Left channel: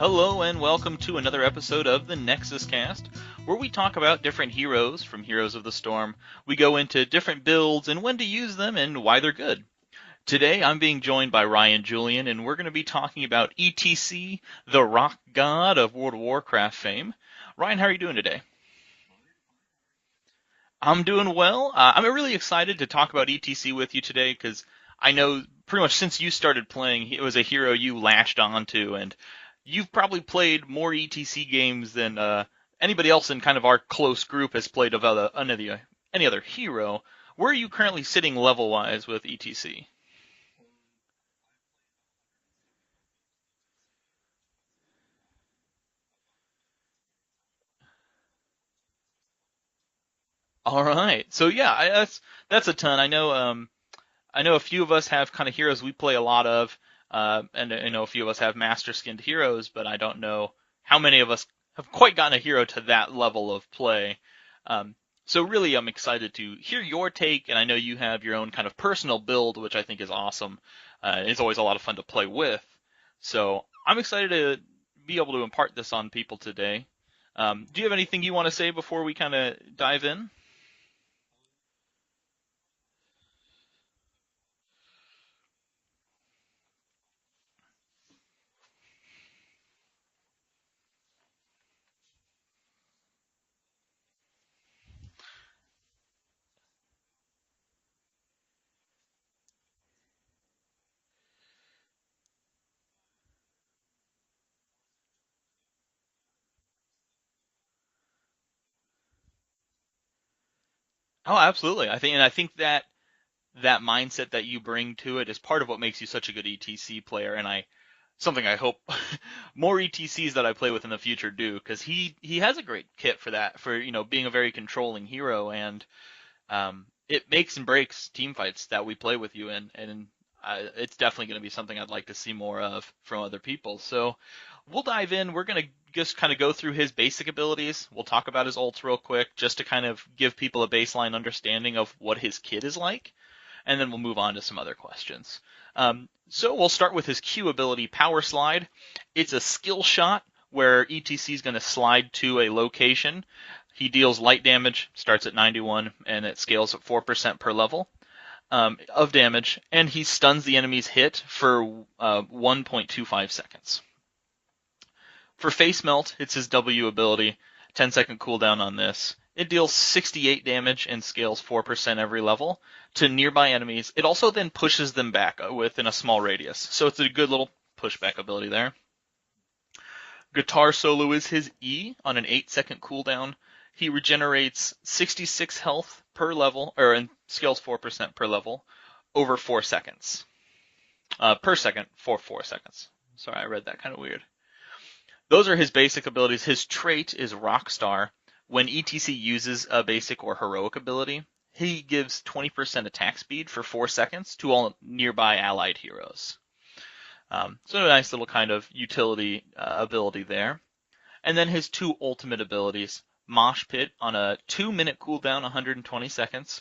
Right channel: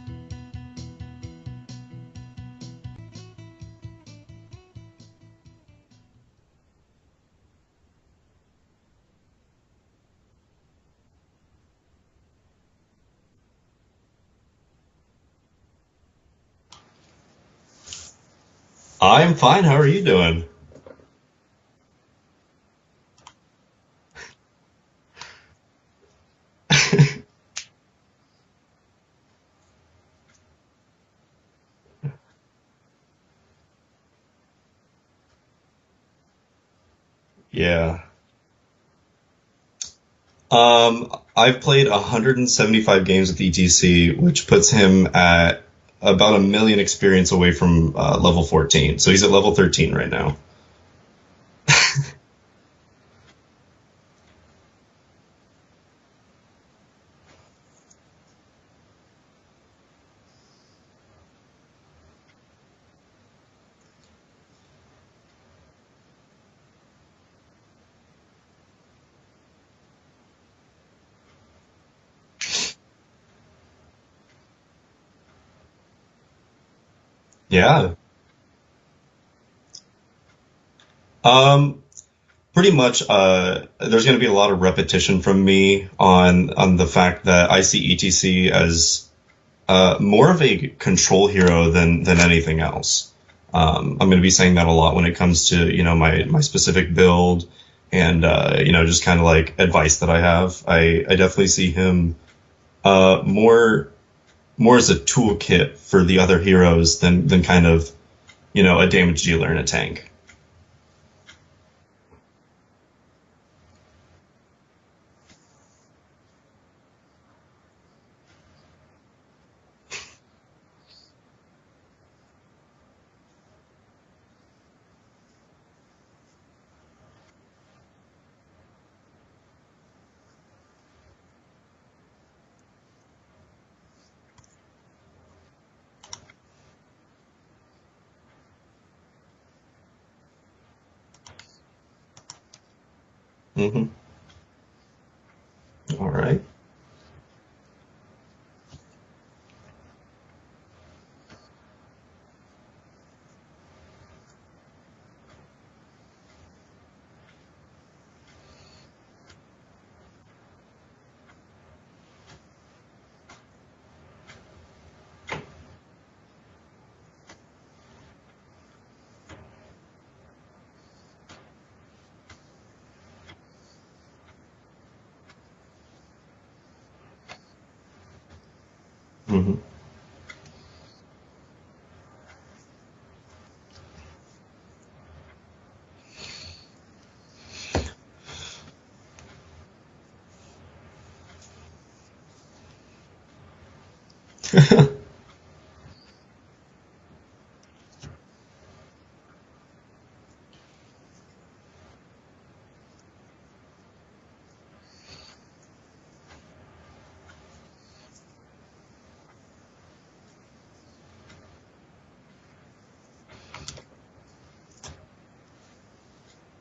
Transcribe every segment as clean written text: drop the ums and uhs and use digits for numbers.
Hello and welcome to another episode of the NexusCast, where we talk about different heroes from Heroes of the Storm. We go into different builds and when to use them and why they're good. Today I'm being joined by Ryan Julian, and we're going to be talking about ETC, the rock god of World of Warcraft fame. Ryan, how are you doing today? I'm fine. How are you doing? I'm doing well. I'm really excited to talk about ETC with you today because I know pretty much since you started playing, it was a hero you latched onto, and you've probably played more ETC games than anybody else in kind of our close group has played of any other hero. Where are you Yeah. currently sitting level-wise with ETC? I've played 175 games with ETC, which puts him at about a million experience away from level 14. So he's at level 13 right now. All right. So yeah, that's a ton. I know a few of us have kind of heroes we play a lot of, and I know a few of us have master skinned heroes, but I don't know how many of us have quite gotten a hero to that level of play. So really, I'm excited to hear your take, and I know you have your own kind of personal build, which I think is awesome. It's always a lot of fun to play with. So I'm excited to be able to impart this on people today. Do you Yeah. have anything you want to say before we kind of dive in? Um, Pretty much, there's going to be a lot of repetition from me on the fact that I see ETC as more of a control hero than anything else. I'm going to be saying that a lot when it comes to, my specific build and, just kind of like advice that I have. I definitely see him more as a toolkit for the other heroes than kind of, a damage dealer in a tank. Oh, absolutely. I think that that mindset that you bring to it is part of what makes you such a good ETC player, and something I hope more ETCs that I play with in the future do, because he has a great kit for that, for being a very controlling hero, and it makes and breaks team fights that we play with you in, and it's definitely going to be something I'd like to see more of from other people. So we'll dive in. We're going to just kind of go through his basic abilities. We'll talk about his ults real quick, just to kind of give people a baseline understanding of what his kit is like, and then Hmm. we'll move on to some other questions. All right. So we'll start with his Q ability, Power Slide. It's a skill shot where ETC is going to slide to a location. He deals light damage, starts at 91, and it scales at 4% per level of damage, and he stuns the enemy's hit for 1.25 seconds. For Facemelt, it's his W ability, 10-second cooldown on this. It deals 68 damage and scales 4% every level to nearby enemies. It also then pushes them back within a small radius, so it's a good little pushback ability there. Hmm. Guitar Solo is his E on an 8-second cooldown. He regenerates 66 health per level, or and scales 4% per level, over 4 seconds. Per second for 4 seconds. Sorry, I read that kind of weird. Those are his basic abilities. His trait is Rockstar. When ETC uses a basic or heroic ability, he gives 20% attack speed for 4 seconds to all nearby allied heroes. So a nice little kind of utility ability there. And then his two ultimate abilities. Mosh Pit on a 2-minute cooldown, 120 seconds.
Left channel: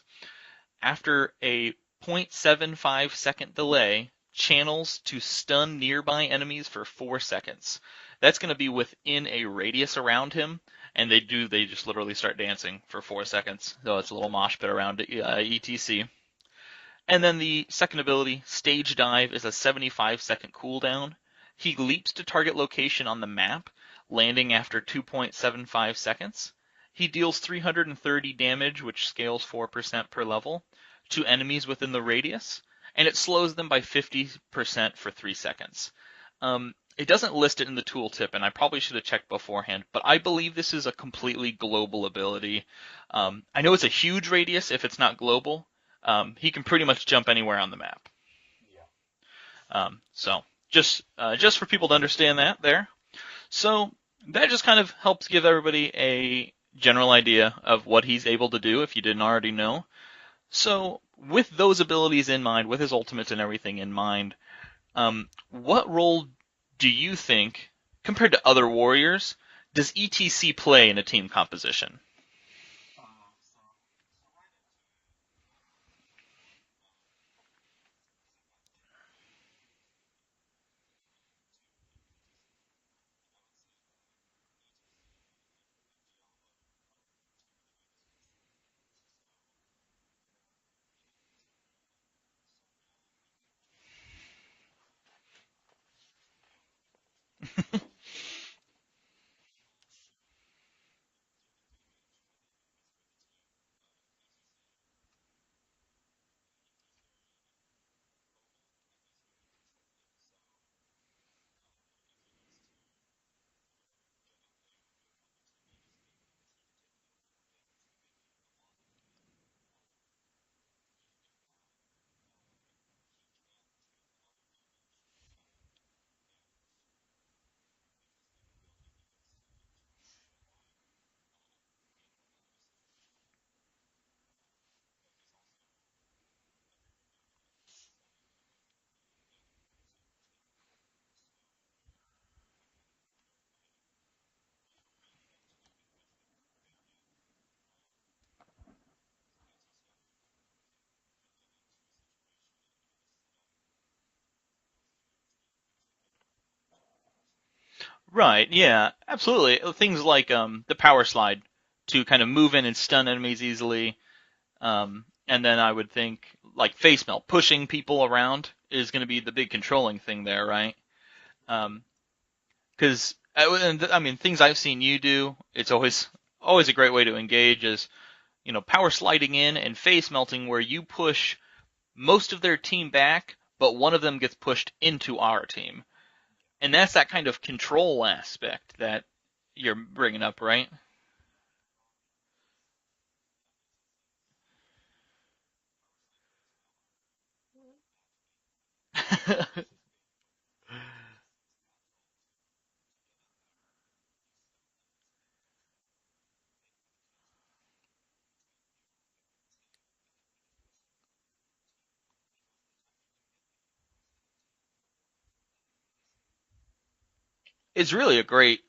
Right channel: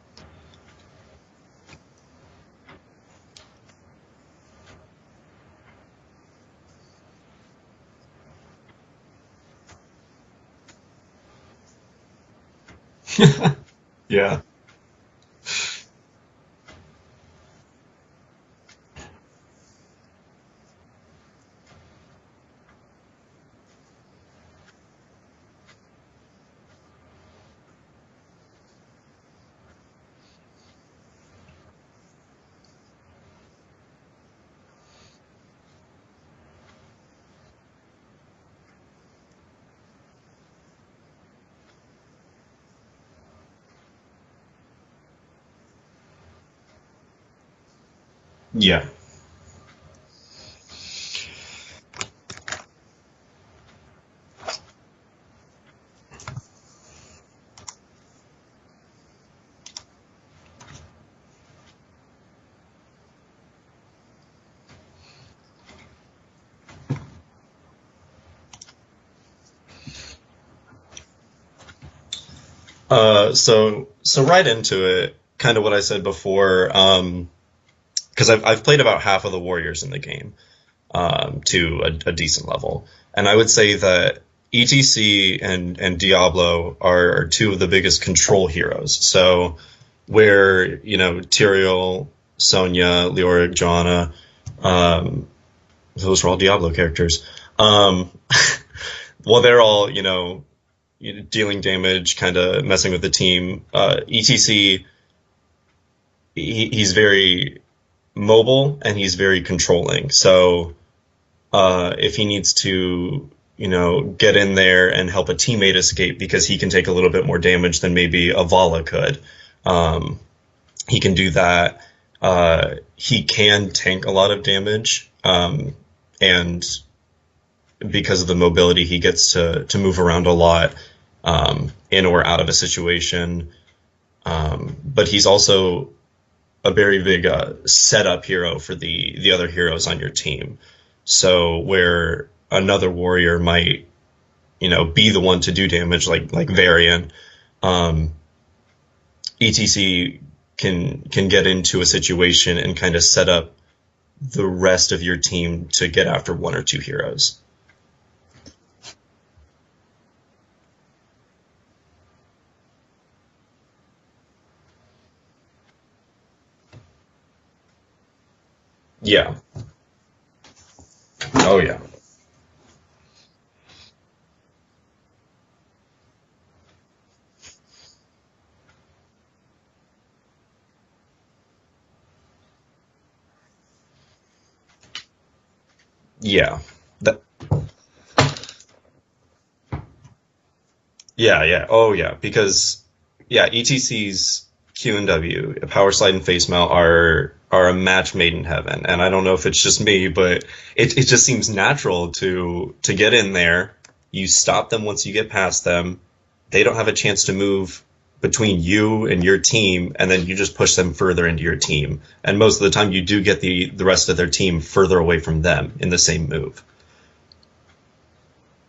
After a 0.75 second delay, channels to stun nearby enemies for 4 seconds. That's going to be within a radius around him, and they just literally start dancing for 4 seconds. So it's a little Yeah. mosh pit around ETC. And then the second ability, Stage Dive, is a 75-second cooldown. He leaps to target location on the map, landing after 2.75 seconds. He deals 330 damage, which scales 4% per level, to enemies within the radius, and it slows them by 50% for 3 seconds. It doesn't list it in the tooltip, and I probably should have checked beforehand, but I believe this is a completely global ability. I know it's a huge radius if it's not global. He can pretty much jump anywhere on the map. Yeah. So just for people to understand that there. So that just kind of helps give everybody a general idea of what he's able to do if you didn't already know. So with those abilities in mind, with his ultimates and everything in mind, what role do you think, compared to other warriors, does ETC play in a team composition? So right into it, kind of what I said before, because I've played about half of the warriors in the game, to a decent level. And I would say that ETC and Diablo are two of the biggest control heroes. So where, Tyrael, Sonya, Leoric, Joanna, um, those were all Diablo characters. Um, well, they're all, dealing damage, kind of messing with the team. ETC, he's very mobile and he's very controlling. So if he needs to, get in there and help a teammate escape because he can take a little bit more damage than maybe a Vala could, um, he can do that. He can tank a lot of damage, and because of the mobility, he gets to move around a lot, in or out of a situation. But he's also a very big setup hero for the other heroes on your team. So where another warrior might, be the one to do damage, like Varian, um, ETC can get into a situation and kind of set up the rest of your team to get after one or two heroes. Right, yeah, absolutely. Things like the power slide to kind of move in and stun enemies easily. And then I would think like Facemelt, pushing people around is going to be the Yeah. big controlling thing there, right? Oh yeah. Because I mean, things I've seen you do, it's always a great way to engage is, power sliding in and face melting where you push most of their team back, but one of them gets pushed into our team. Yeah. And that's that That, kind of control aspect that you're bringing up, right? yeah, yeah. Oh yeah. Because yeah, ETC's Q and W, Power Slide and Face Mount are a match made in heaven. And I don't know if it's just me, but it just seems natural to get in there. You stop them once you get past them. They don't have a chance to move between you and your team, and then you just push them further into your team. And most of the time you do get the rest of their team further away from them in the same move. It's really a great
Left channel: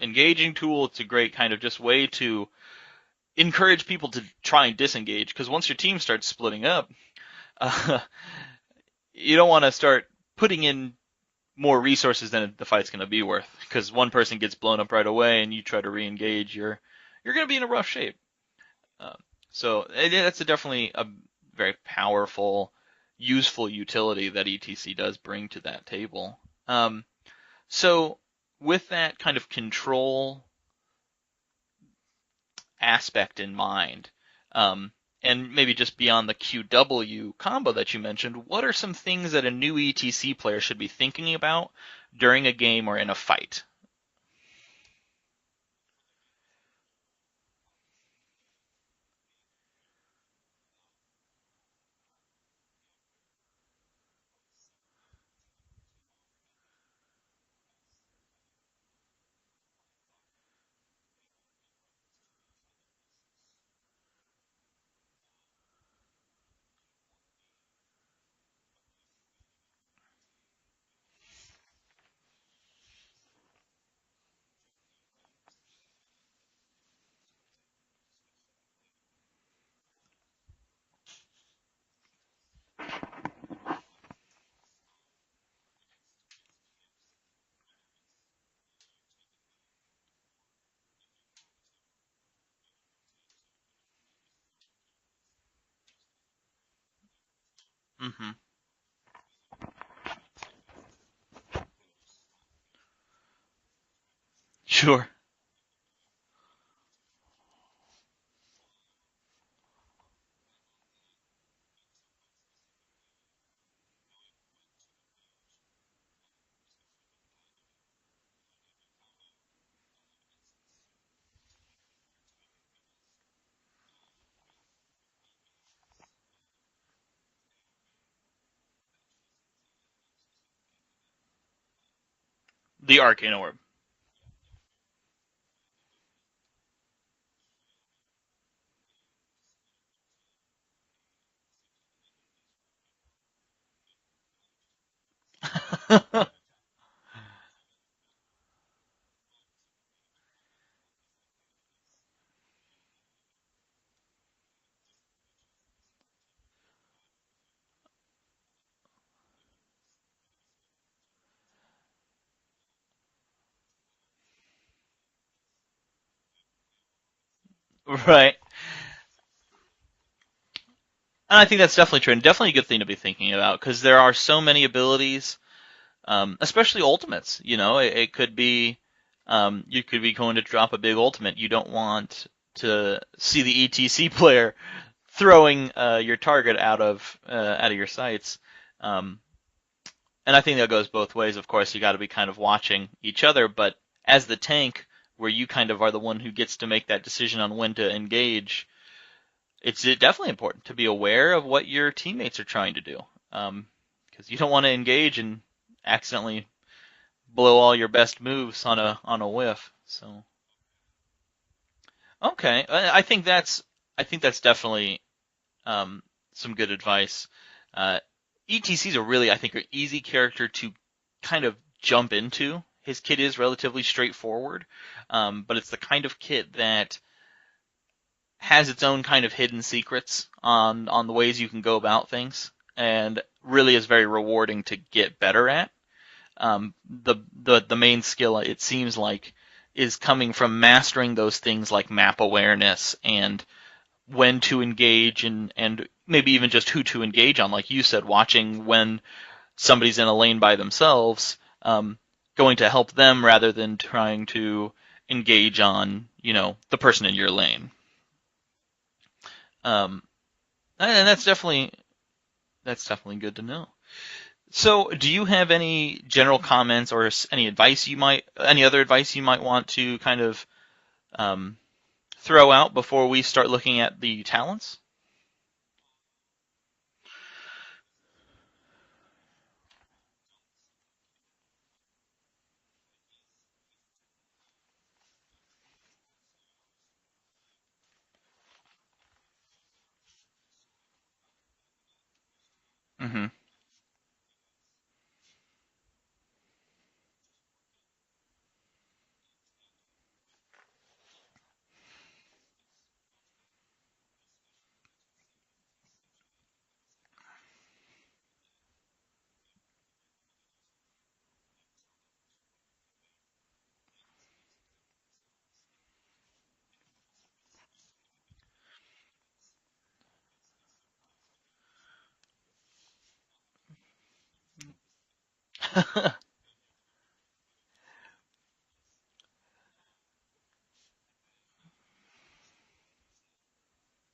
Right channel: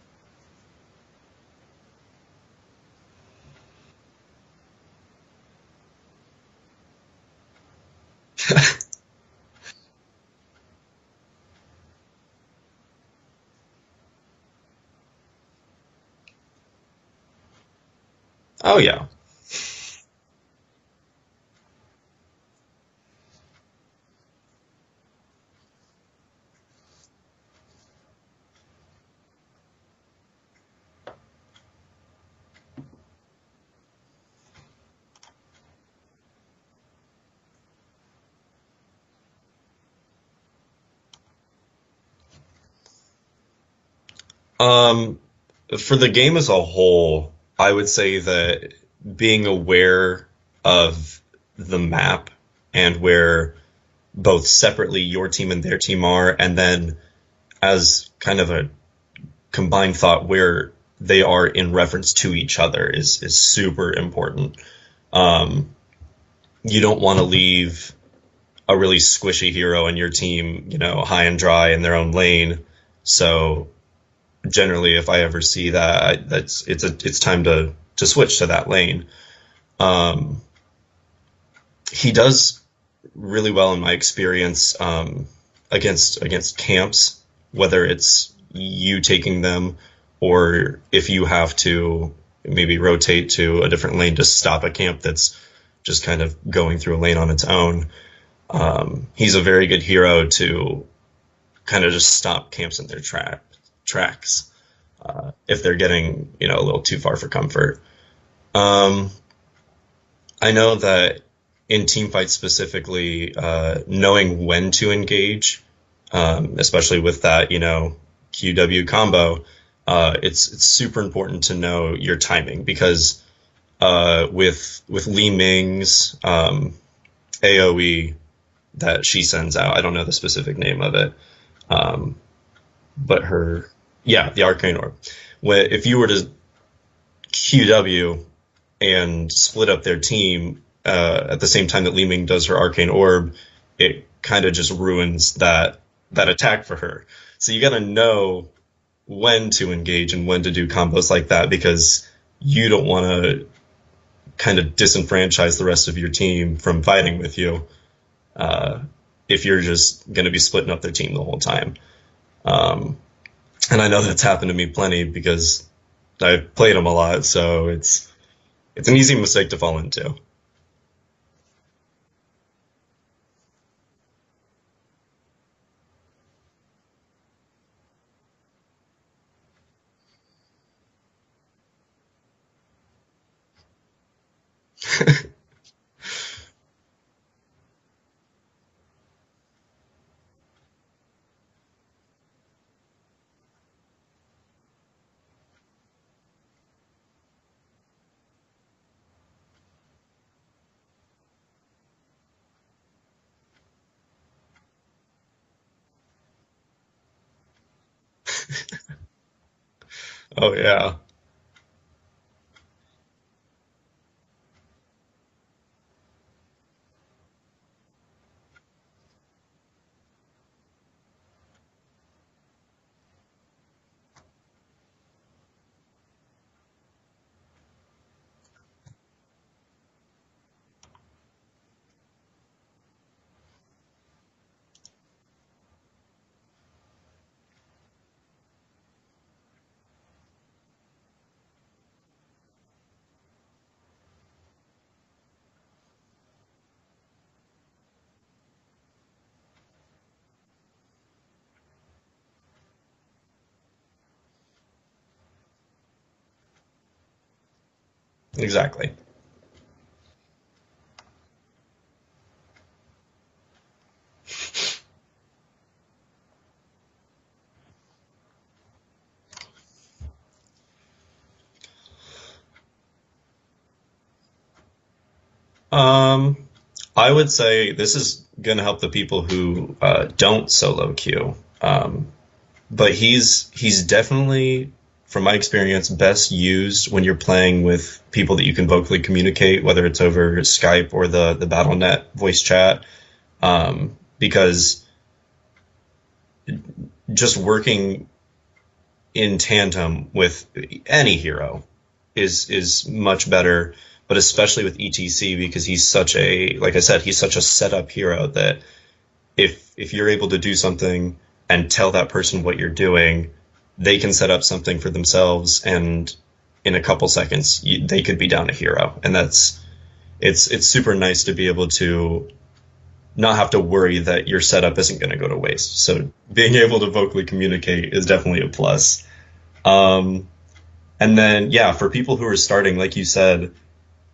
engaging tool. It's a great kind of just way to encourage people to try and disengage, because once your team starts splitting up, uh, you don't want to start putting in more resources than the fight's going to be worth. Because one person gets blown up right away, and you try to re-engage, you're going to be in a rough shape. Oh yeah. So that's definitely a very powerful, useful utility that ETC does bring to that table. So with that kind of control aspect in mind, and maybe just beyond the QW combo that you mentioned, what are some things that a new ETC player should be thinking about during a game or in a fight? Um, for the game as a whole, I would say that being aware of the map and where both separately your team and their team are, and then as kind of a combined thought where they are in reference to each other is super important. Um, you don't want to leave a really squishy hero in your team, high and dry in their own lane. So generally, if I ever see that, it's time to switch to that lane. Um, he does really well in my experience, against camps, whether it's you taking them or if you have to maybe rotate to a different lane to stop a camp that's just kind of going through a lane on its own. Hmm. He's a very good hero to kind of just stop camps in their tracks, Sure. if they're getting, a little too far for comfort. Um, I know that in team fights specifically, knowing when to engage, especially with that, QW combo, it's super important to know your timing because with Li Ming's AOE that she sends out, I don't know the specific name of it, um, The but Arcane Orb. her, yeah, the Arcane Orb. If you were to QW and split up their team at the same time that Li Ming does her Arcane Orb, it kind of just ruins that attack for her. So you got to know when to engage and when to do combos like that because you don't want to kind of disenfranchise the rest of your team from fighting with you, uh, if you're just going to be splitting up their team the whole time. Um, and I know that's happened to me plenty because I've played him a lot, so Right. it's an easy mistake to fall into. And I think that's definitely true, and definitely a good thing to be thinking about because there are so many abilities, especially ultimates. It could be you could be going to drop a big ultimate. You don't want to see the ETC player throwing your target out of your sights. Um, and I think that goes both ways. Of course, you got to be kind of watching each other, but as the tank, where you kind of are the one who gets to make that decision on when to engage, it's definitely important to be aware of what your teammates are trying to do, because you don't want to engage and accidentally blow all your best moves on a whiff. So Oh yeah. okay, I think that's definitely um, some good advice. Uh, ETC's a really, I think, an easy character to kind of jump into. His kit is relatively straightforward, but it's the kind of kit that has its own kind of hidden secrets on the ways you can go about things, and really is very rewarding to get better at. Um, the main skill, it seems like, is coming from mastering those things like map awareness and when to engage, and maybe even just who to engage on. Like you said, watching when somebody's in a lane by themselves, going to help them rather than trying to engage on, the person in your lane. Exactly. Um, and that's definitely good to know. So, do you have any general comments or any other advice you might want to kind of um, throw out before we start looking at the talents? Um, I would say this is going to help the people who don't solo queue. But he's definitely, from my experience, best used when you're playing with people that you can vocally communicate, whether it's over Skype or the BattleNet voice chat. Hmm. Because just working in tandem with any hero is much better, but especially with ETC because he's such a, like I said, he's such a setup hero that if you're able to do something and tell that person what you're doing, they can set up something for themselves, and in a couple seconds they could be down a hero, and it's super nice to be able to not have to worry that your setup isn't going to go to waste. So being able to vocally communicate is definitely a plus. Um, and then yeah, for people who are starting, like you said,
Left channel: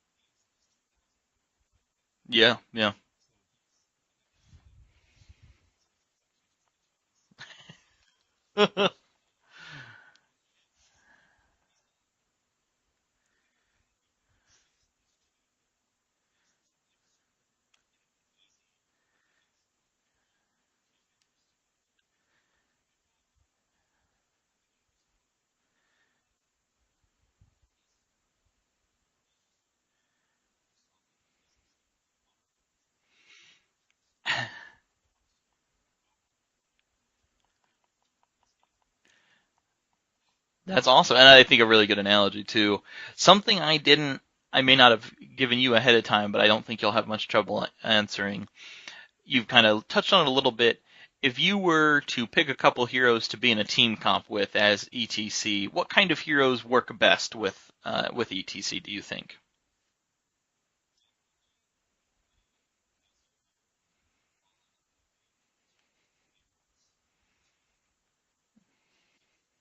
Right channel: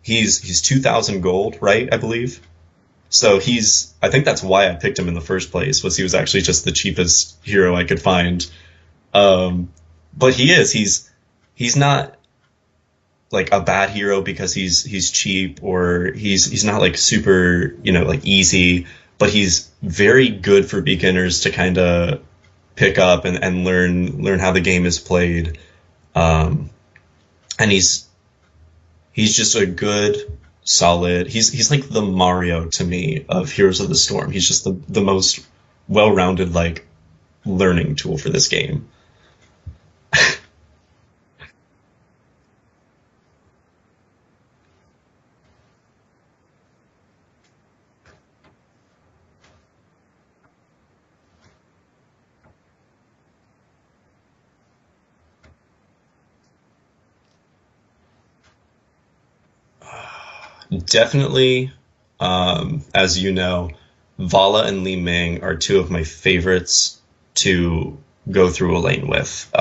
he's 2,000 gold, right? I believe. Yeah, yeah. So I think that's why I picked him in the first place, was he was actually just the cheapest hero I could find. Um, but he's not like a bad hero because he's cheap, or he's not like super, like easy, but he's very good for beginners to kind of pick up and learn how the game is played. Um, and he's just a good, solid. He's like the Mario to me of Heroes of the Storm. He's just the most well-rounded like learning tool for this game. That's awesome, and I think a really good analogy too. Something I may not have given you ahead of time, but I don't think you'll have much trouble answering. You've kind of touched on it a little bit. If you were to pick a couple heroes to be in a team comp with as ETC, what kind of heroes work best with ETC? Do you think? Definitely, as you know, Vala and Li Ming are two of my favorites to go through a lane with.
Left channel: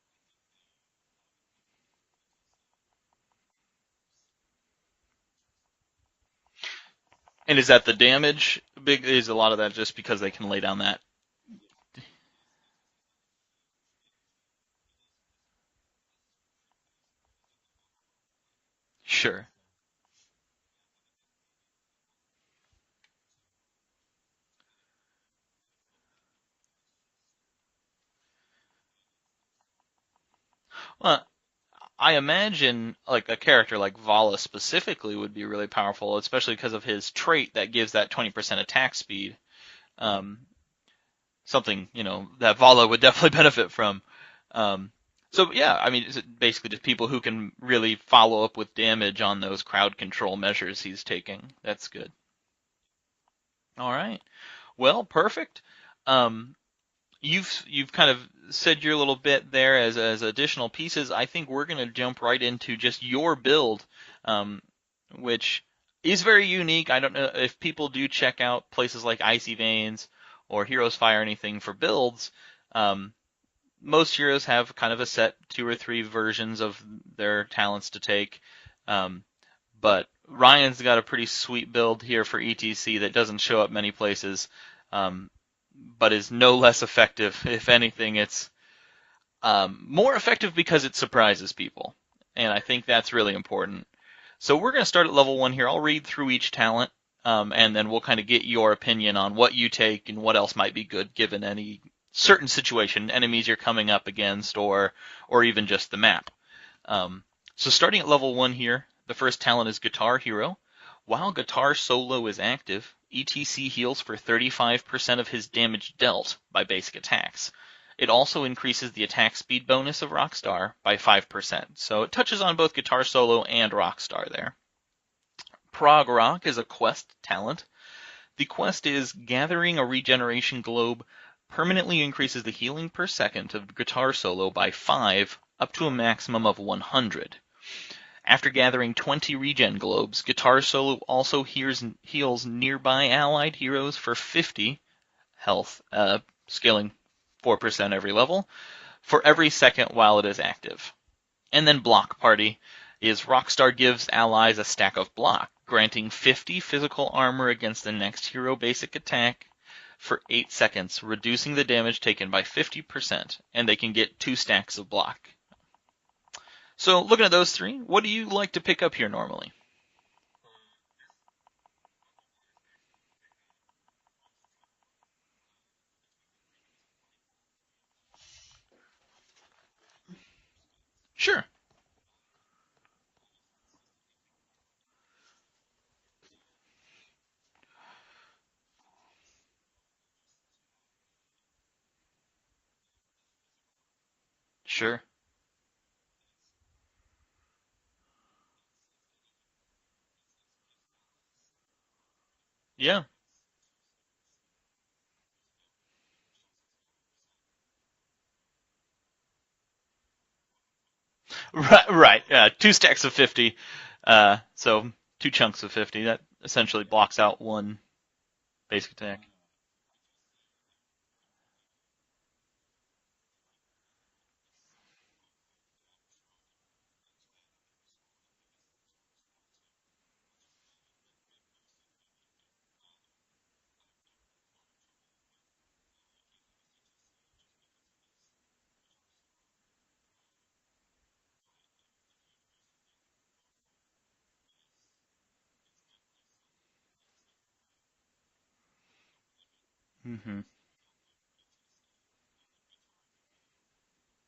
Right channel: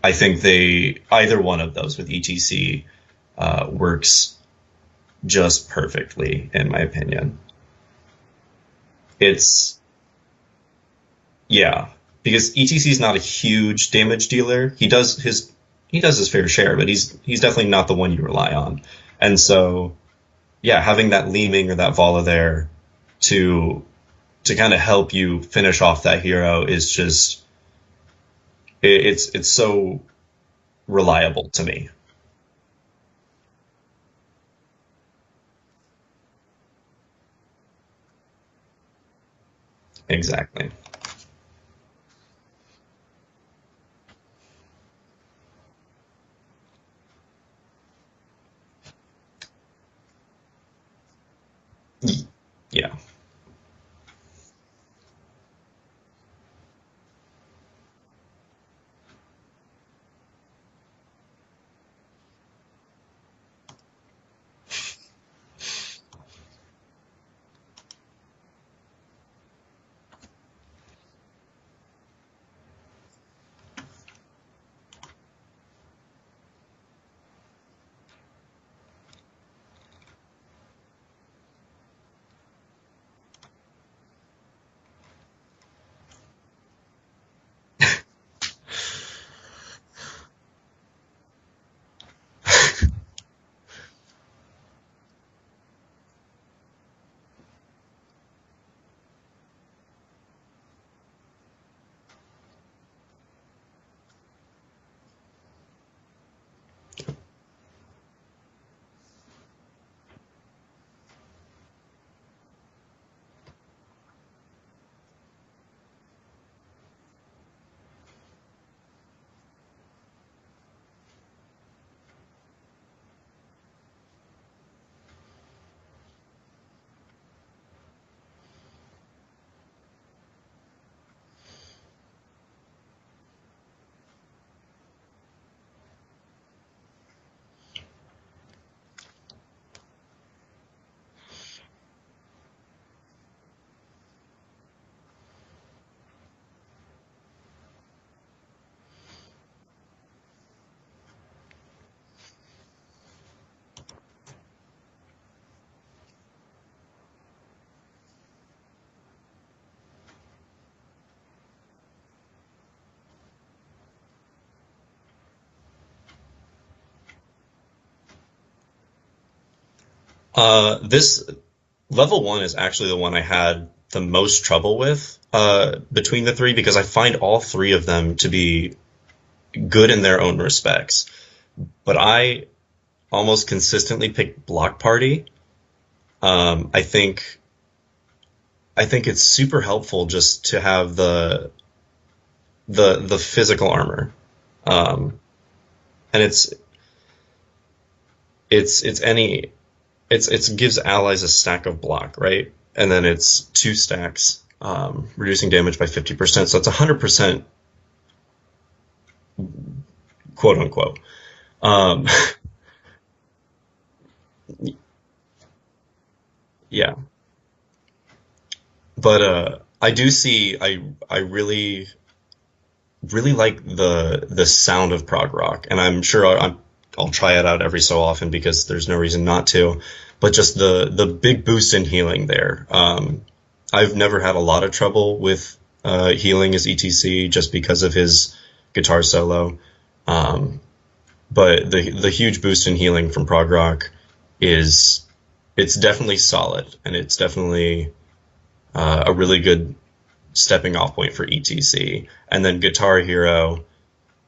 I think either one of those with ETC works just perfectly, in my opinion. And is that the damage? Is a lot of that It's just because they can lay down that? Yeah, because ETC is not a huge damage dealer. He does his fair share, but he's definitely not the one you rely on. Sure. And so, yeah, having that Leeming or that Vala there to kind of help you finish off that hero is just it's so Well, reliable to me. I imagine like a character like Vala specifically would be really powerful, especially because of his trait that gives that 20% attack speed. Um, Exactly. Something that Vala would definitely benefit from. Um, so yeah, I mean, is it basically just people who can really follow up with damage on those crowd control measures he's taking? That's good. Yeah. All right. Well, perfect. Um, You've kind of said your little bit there as additional pieces. I think we're going to jump right into just your build, um, which is very unique. I don't know if people do check out places like Icy Veins or Heroes Fire or anything for builds. Um, Most heroes have kind of a set 2 or 3 versions of their talents to take, um, but Ryan's got a pretty sweet build here for ETC that doesn't show up many places. Um, but is no less effective. If anything, it's more effective because it surprises people, and I think that's really important. So we're going to start at level 1 here. I'll read through each talent, and then we'll kind of get your opinion on what you take and what else might be good given any certain situation, enemies you're coming up against, or even just the map. So starting at level 1 here, the first talent is Guitar Hero. While Guitar Solo is active, ETC heals for 35% of his damage dealt by basic attacks. It also increases the attack speed bonus of Rockstar by 5%, so it touches on both Guitar Solo and Rockstar there. Prog Rock is a quest talent. The quest is gathering a regeneration globe permanently increases the healing per second of Guitar Solo by 5 up to a maximum of 100. After gathering 20 regen globes, Guitar Solo also heals nearby allied heroes for 50 health, scaling 4% every level, for every second while it is active. And then Block Party is Rockstar gives allies a stack of block, granting 50 physical armor against the next hero basic attack for 8 seconds, reducing the damage taken by 50%, and they can get 2 stacks of block. So looking at those 3, what do you like to pick up here normally? This level 1 is actually the one I had the most trouble with between the 3 because I find all 3 of them to be good in their own respects. Sure. But I almost consistently pick Block Party. I think it's super helpful just to have the physical armor. And it gives allies a stack of block, right? And then it's 2 stacks, reducing damage by 50%. So it's 100%, quote unquote. Right. 2 stacks of 50. So 2 chunks of 50. That essentially blocks out 1 basic attack. But I do see I really like the sound of prog rock, and I'm sure I'll try it out every so often because there's no reason not to. But just the big boost in healing there. I've never had a lot of trouble with healing as ETC just because of his guitar solo. But the huge boost in healing from prog rock it's definitely solid, and it's definitely a really good stepping off point for ETC. And then Guitar Hero,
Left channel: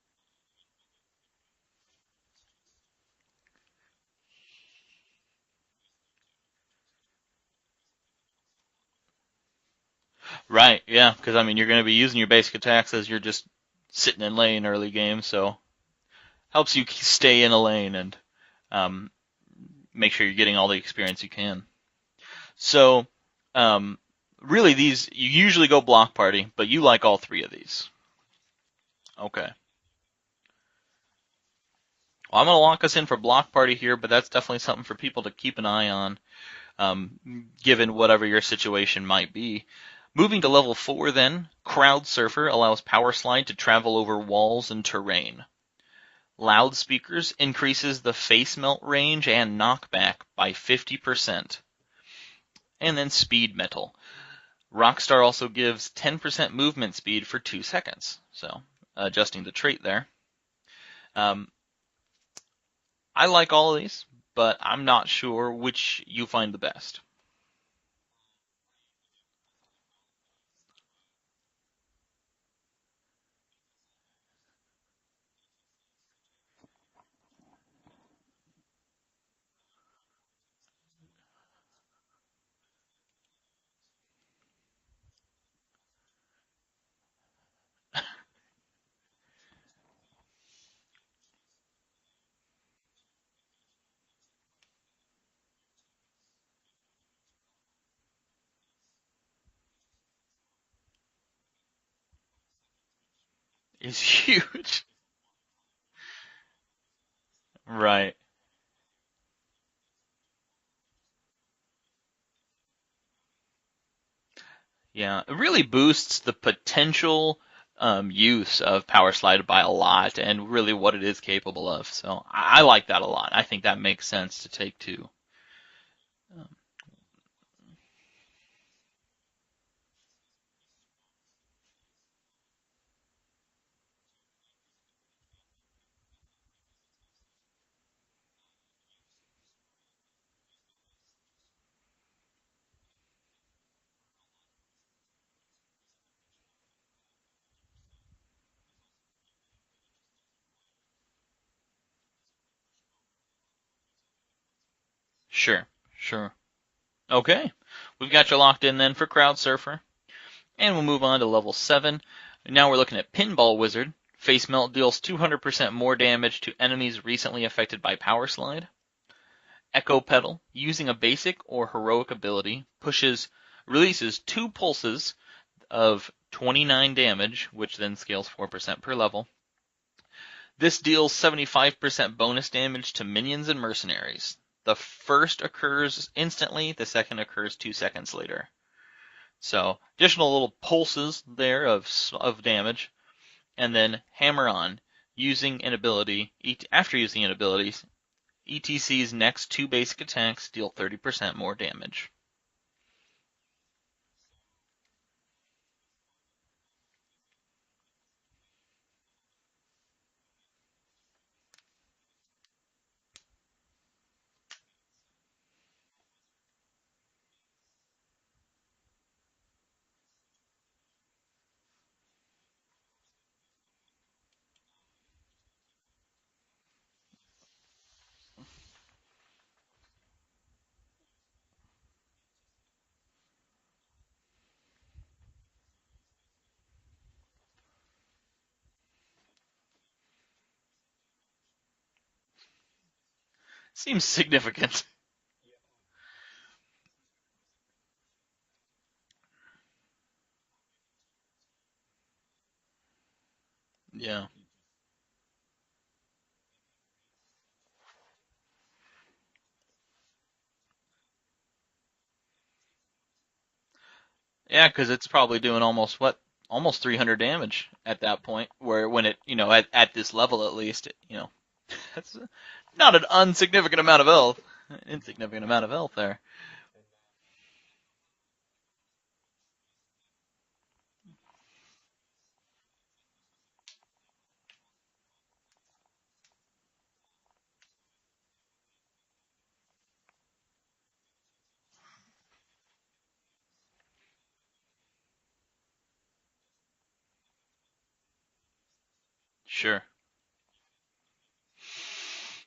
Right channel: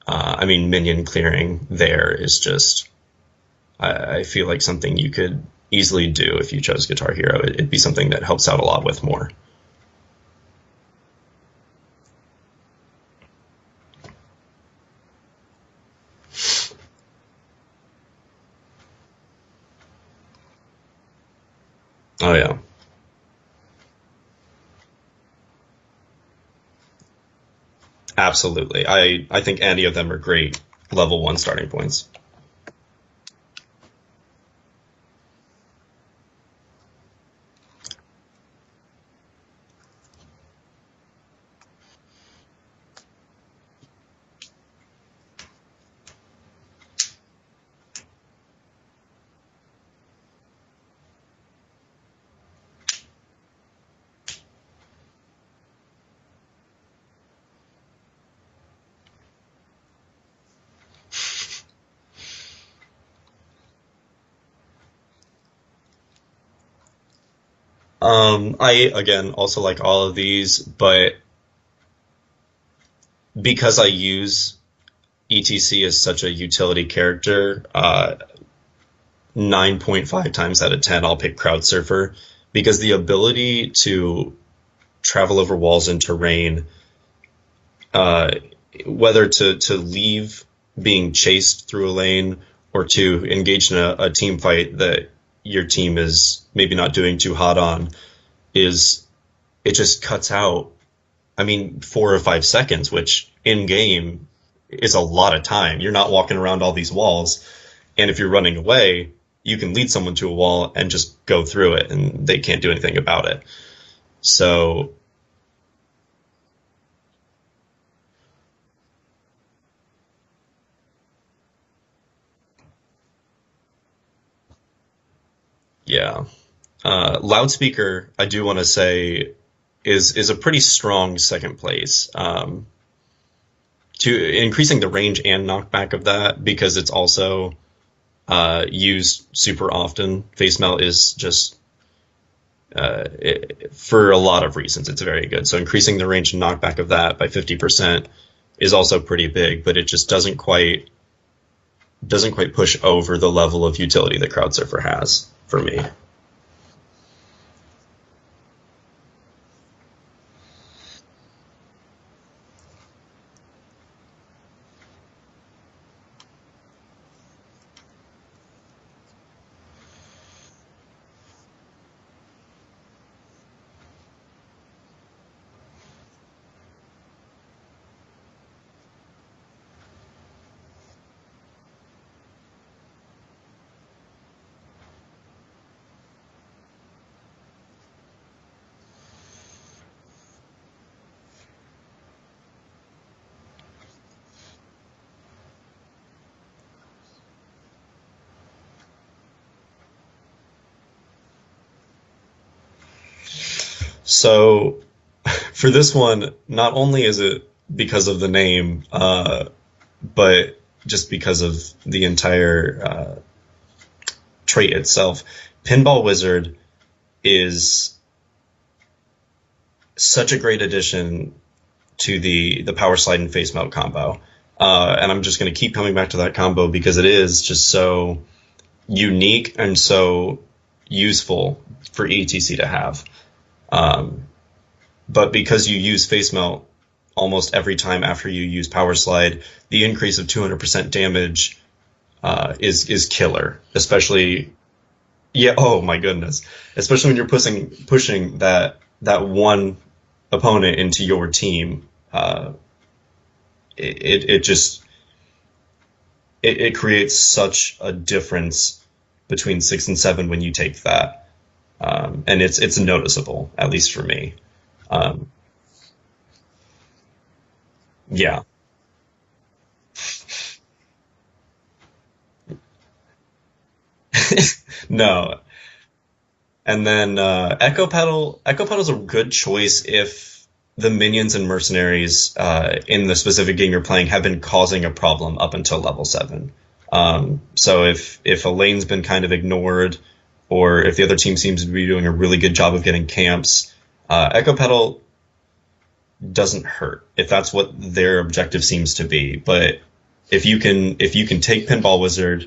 minion clearing there is just, I feel like something you could easily do if you chose Guitar Hero. It'd be something that helps out a lot with more. Right, yeah, because you're going to be using your basic attacks as you're just sitting in lane early game, so helps you stay in a lane and make sure you're getting all the experience you can. Oh yeah. So, really, these you usually go Block Party, but you like all 3 of these. Absolutely. I think any of them are great level 1 starting points. Well, I'm going to lock us in for Block Party here, but that's definitely something for people to keep an eye on, given whatever your situation might be. Moving to level 4 then, Crowd Surfer allows Power Slide to travel over walls and terrain. Loudspeakers increases the Facemelt range and knockback by 50%. And then Speed Metal. Rockstar also gives 10% movement speed for 2 seconds, so adjusting the trait there. I like all of these, but I'm not sure which you find the best. I, again, also like all of these, but because I use ETC as such a utility character, 9.5 times out of 10 I'll pick Crowd Surfer, because the ability to travel over walls and terrain, whether to leave being chased through a lane or to engage in a team fight that your team is maybe not doing too hot on, it just cuts out, I mean, 4 or 5 seconds, which in It's game huge. is a lot of time. You're not walking around all these walls, and Right. if you're running away, you can lead someone to a wall and just go through it, and they can't do anything about it. So Yeah, it really boosts the potential use of Power Slide by a lot, and really what it is capable of. So I like that a lot. I think that makes sense to take two. yeah, loudspeaker, I do want to say, is a pretty strong second place. To increasing the range and knockback of that because it's also used super often. Facemelt is just for a lot of reasons, it's very good. So increasing the range and knockback of that by 50% is also pretty big, but it just doesn't quite push over the level of utility that Crowd Surfer has for Sure, me. sure. Okay, we've got you locked in then for Crowd Surfer, and we'll move on to level 7. Now we're looking at Pinball Wizard. Face Melt deals 200% more damage to enemies recently affected by Power Slide. Echo Pedal, using a basic or heroic ability, releases 2 pulses of 29 damage, which then scales 4% per level. This deals 75% bonus damage to minions and mercenaries. The first occurs instantly, the second occurs 2 seconds later. So, additional little pulses there of damage. And then Hammer On, using an ability, after using an ability, ETC's next 2 basic attacks deal 30% more damage. So for this one, not only is it because of the name, but just because of the entire trait itself, Pinball Wizard is such a great addition to the Power Slide and Face Melt combo. And I'm just going to keep coming back to that combo because it is just so unique and so useful for ETC to have. Um, but because you use Face Melt almost every time after you use Power Slide, the increase of 200% damage is killer. It's Especially, significant. yeah. Oh my goodness. Especially when you're pushing that one opponent into your team. It just it creates such a difference between 6 and 7 when you take that, and it's noticeable, at least for me. Yeah, because it's Um, probably doing almost 300 damage at that yeah, point. Where when it, at this level at least, that's not an insignificant amount of health. A no. significant amount of health there. And then Echo Pedal's a good choice if the minions and mercenaries in the specific game you're playing have been causing a problem up until level 7. So if a lane's been kind of ignored, or if the other team seems to be doing a really good job of getting camps, Echo Pedal doesn't hurt if that's what their objective seems to be. But Sure. if you can take Pinball Wizard,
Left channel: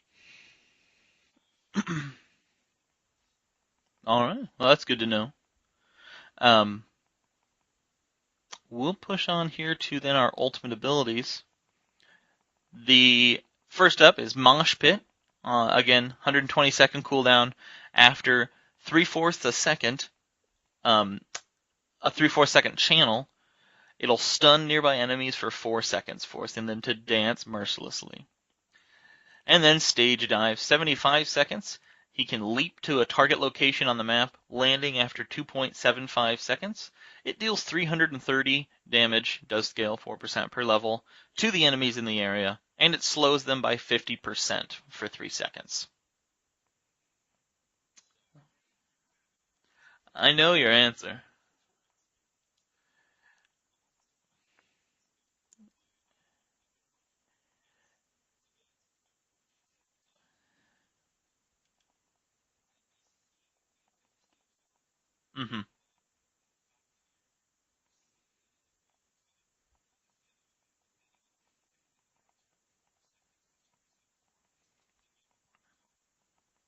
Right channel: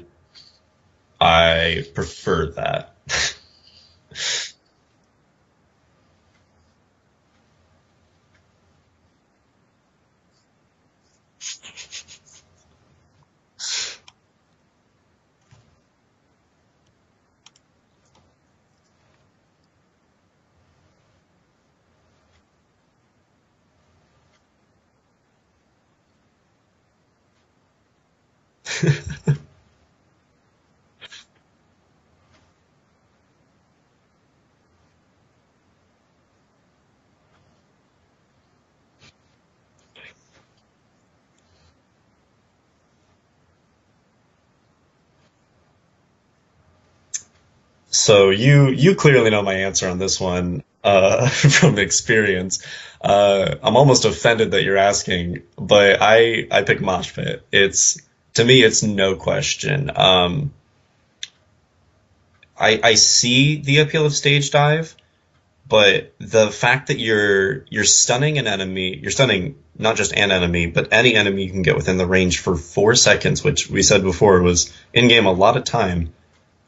I prefer that. All right. Well, that's good to know. Um, we'll push on here to then our ultimate abilities. The first up is Mosh Pit. Again, 120-second cooldown after three-fourths a second, um, a three-fourths second channel. It'll stun nearby enemies for 4 seconds, forcing them to dance mercilessly. And then Stage Dive, 75 seconds. He can leap to a target location on the map, landing after 2.75 seconds. It deals 330 damage, does scale 4% per level, to the enemies in the area, and it slows them by 50% for 3 seconds. So you clearly know my answer on this I know one your answer. from experience. I'm almost offended that you're asking, but I pick Mosh Pit. It's to me, it's no question. I see the appeal of Stage Dive, Hmm. but the fact that you're stunning an enemy, you're stunning not just an enemy, but any enemy you can get within the range for 4 seconds, which we said before was in game a lot of time.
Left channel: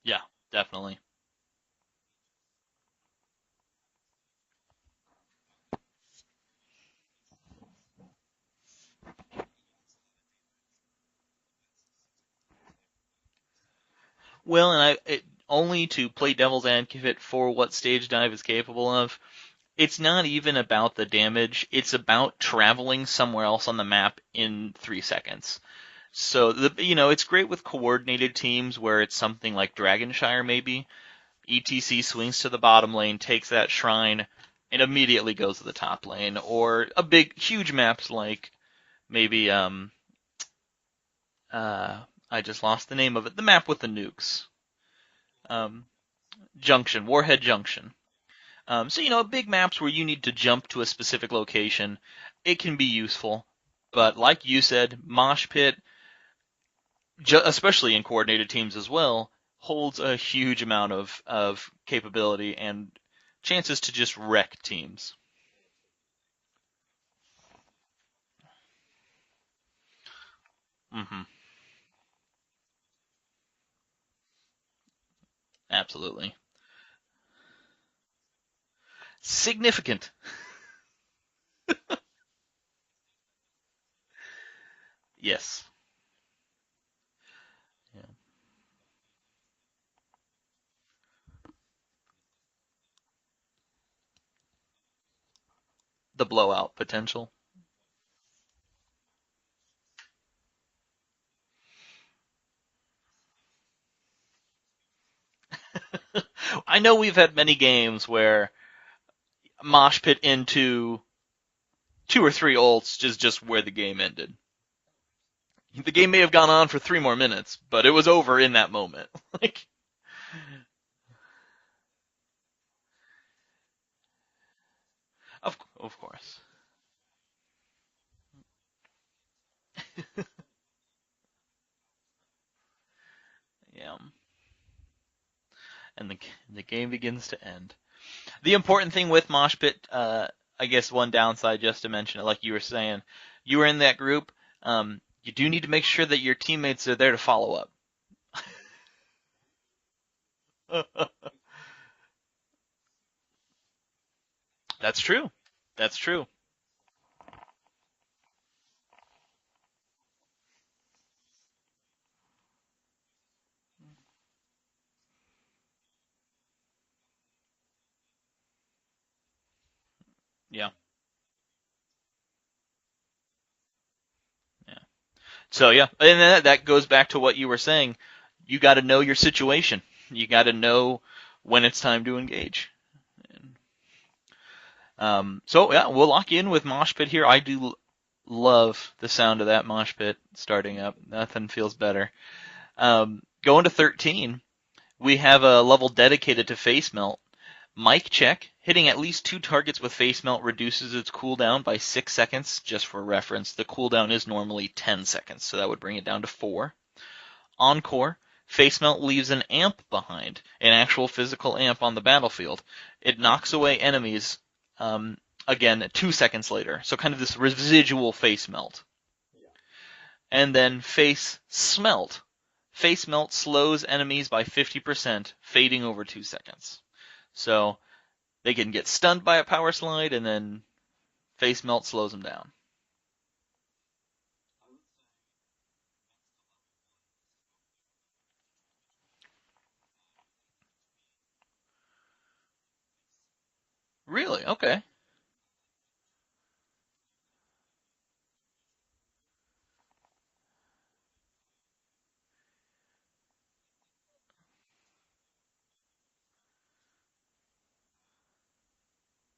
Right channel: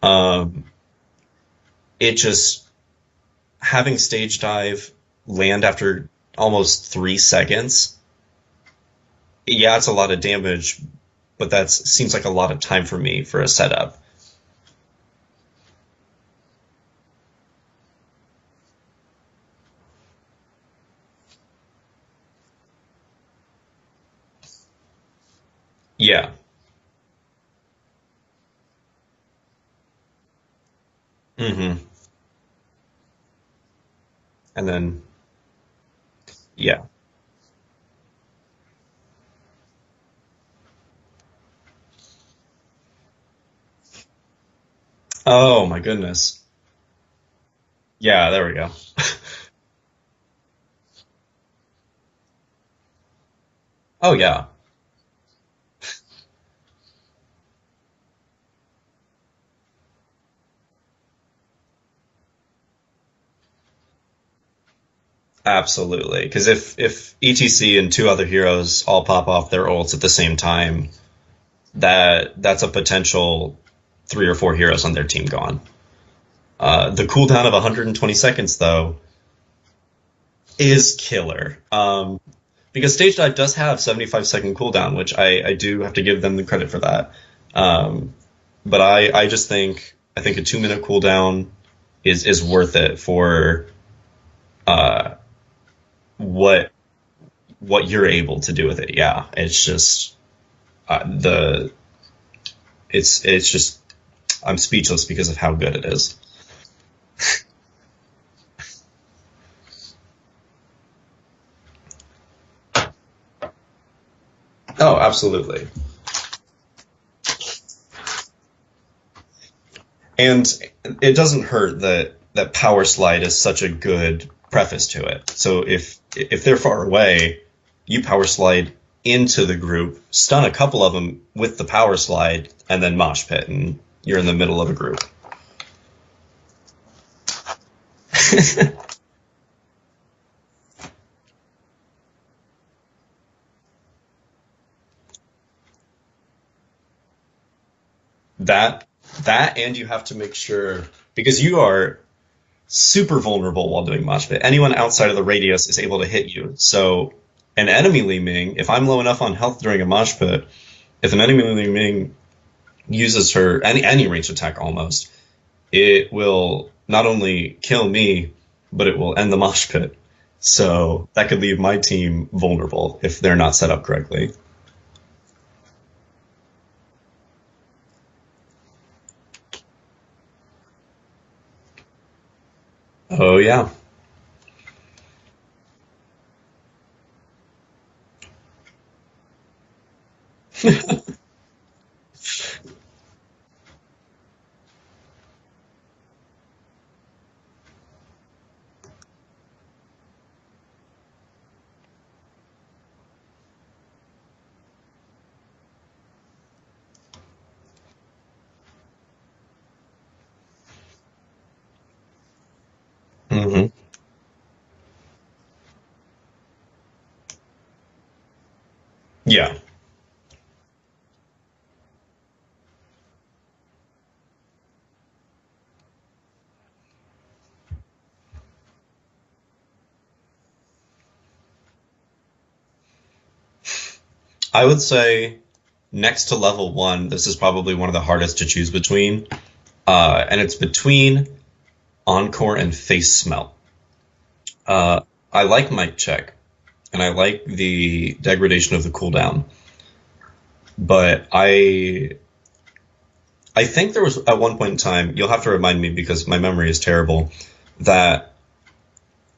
Yep, Um, definitely. it just having stage dive land after almost 3 seconds, yeah, it's a lot of damage, but that seems like a lot of time for me for a setup. Well, and only to play devil's advocate for what Stage Dive is capable of. it's not even about the damage. It's about traveling somewhere else on the map in 3 seconds. Yeah. So it's great with coordinated teams where it's something like Dragonshire maybe. Hmm. ETC swings to the bottom lane, takes that shrine, And and then, immediately goes to the top lane. yeah. Or huge maps like maybe I just lost the name of it. The map with the nukes. Oh my Um, goodness. Junction, Warhead Junction. Yeah, there we go. So big maps where you need to jump to a specific location, it can be useful. Oh But yeah, like you said, Mosh Pit, especially in coordinated teams as well, holds a huge amount of capability and chances to just wreck teams. absolutely. Because if ETC and two other heroes all pop off their ults at the same time, Hmm. that's a potential 3 or 4 heroes on their team gone. Absolutely. The cooldown of 120 seconds, though, Significant. is killer. Because Stage Dive does have 75-second cooldown, which I Yes. do have to give them the credit for that. Um, but I just think a 2-minute cooldown is worth it for uh, The what blowout potential. what you're able to do with it. Yeah, it's just the it's just I'm speechless because of how good it is. I know we've had many games where Mosh Pit into 2 or 3 ults is just where the game ended. Oh, absolutely. The game may have gone on for 3 more minutes, but it was over in that moment. Like, And it doesn't hurt that Power Slide is such a good preface to it. So of course. if they're far away, you Power Slide into the group, stun a couple of them with the Power Slide, and then Mosh Pit, and Yeah. you're in the middle of a group. And the game begins to end. The important thing with Mosh Pit, I guess one downside, just to mention it, like you were saying, you were in that group. You do need to make sure that your teammates are there to follow up. That and you have to make sure because you are super vulnerable while doing Mosh Pit. Anyone That's outside of the true. radius is That's able to true. hit you. So an enemy Li Ming, if I'm low enough on health during a Mosh Pit, if an enemy Li Ming uses her any ranged attack almost, it will not only kill me, but it will end the Mosh Pit. So that could leave my team vulnerable if they're not set up correctly. So yeah, and that goes back to what you were saying. You got to know your situation. You got to know when it's time to engage. Oh yeah. So yeah, we'll lock in with Mosh Pit here. I do love the sound of that Mosh Pit starting up. Nothing feels better. Going to 13, we have a level dedicated to Facemelt. Mic check. Hitting at least 2 targets with Facemelt reduces its cooldown by 6 seconds. Just for reference, the cooldown is normally 10 seconds, so that would bring it down to 4. Encore. Facemelt leaves an amp behind, an actual physical amp on the battlefield. It knocks Hmm. away enemies, again, 2 seconds later. So kind of this residual Facemelt. Yeah. And then Facemelt. Facemelt slows enemies by 50%, fading over 2 seconds. So they can get stunned by a power slide, and then Facemelt slows them down. I would say next to level 1, this is probably one of the hardest to choose between. And it's between Encore and Facemelt. Really? Okay. I like Mic Check, and I like the degradation of the cooldown. But I think there was at one point in time, you'll have to remind me because my memory is terrible, that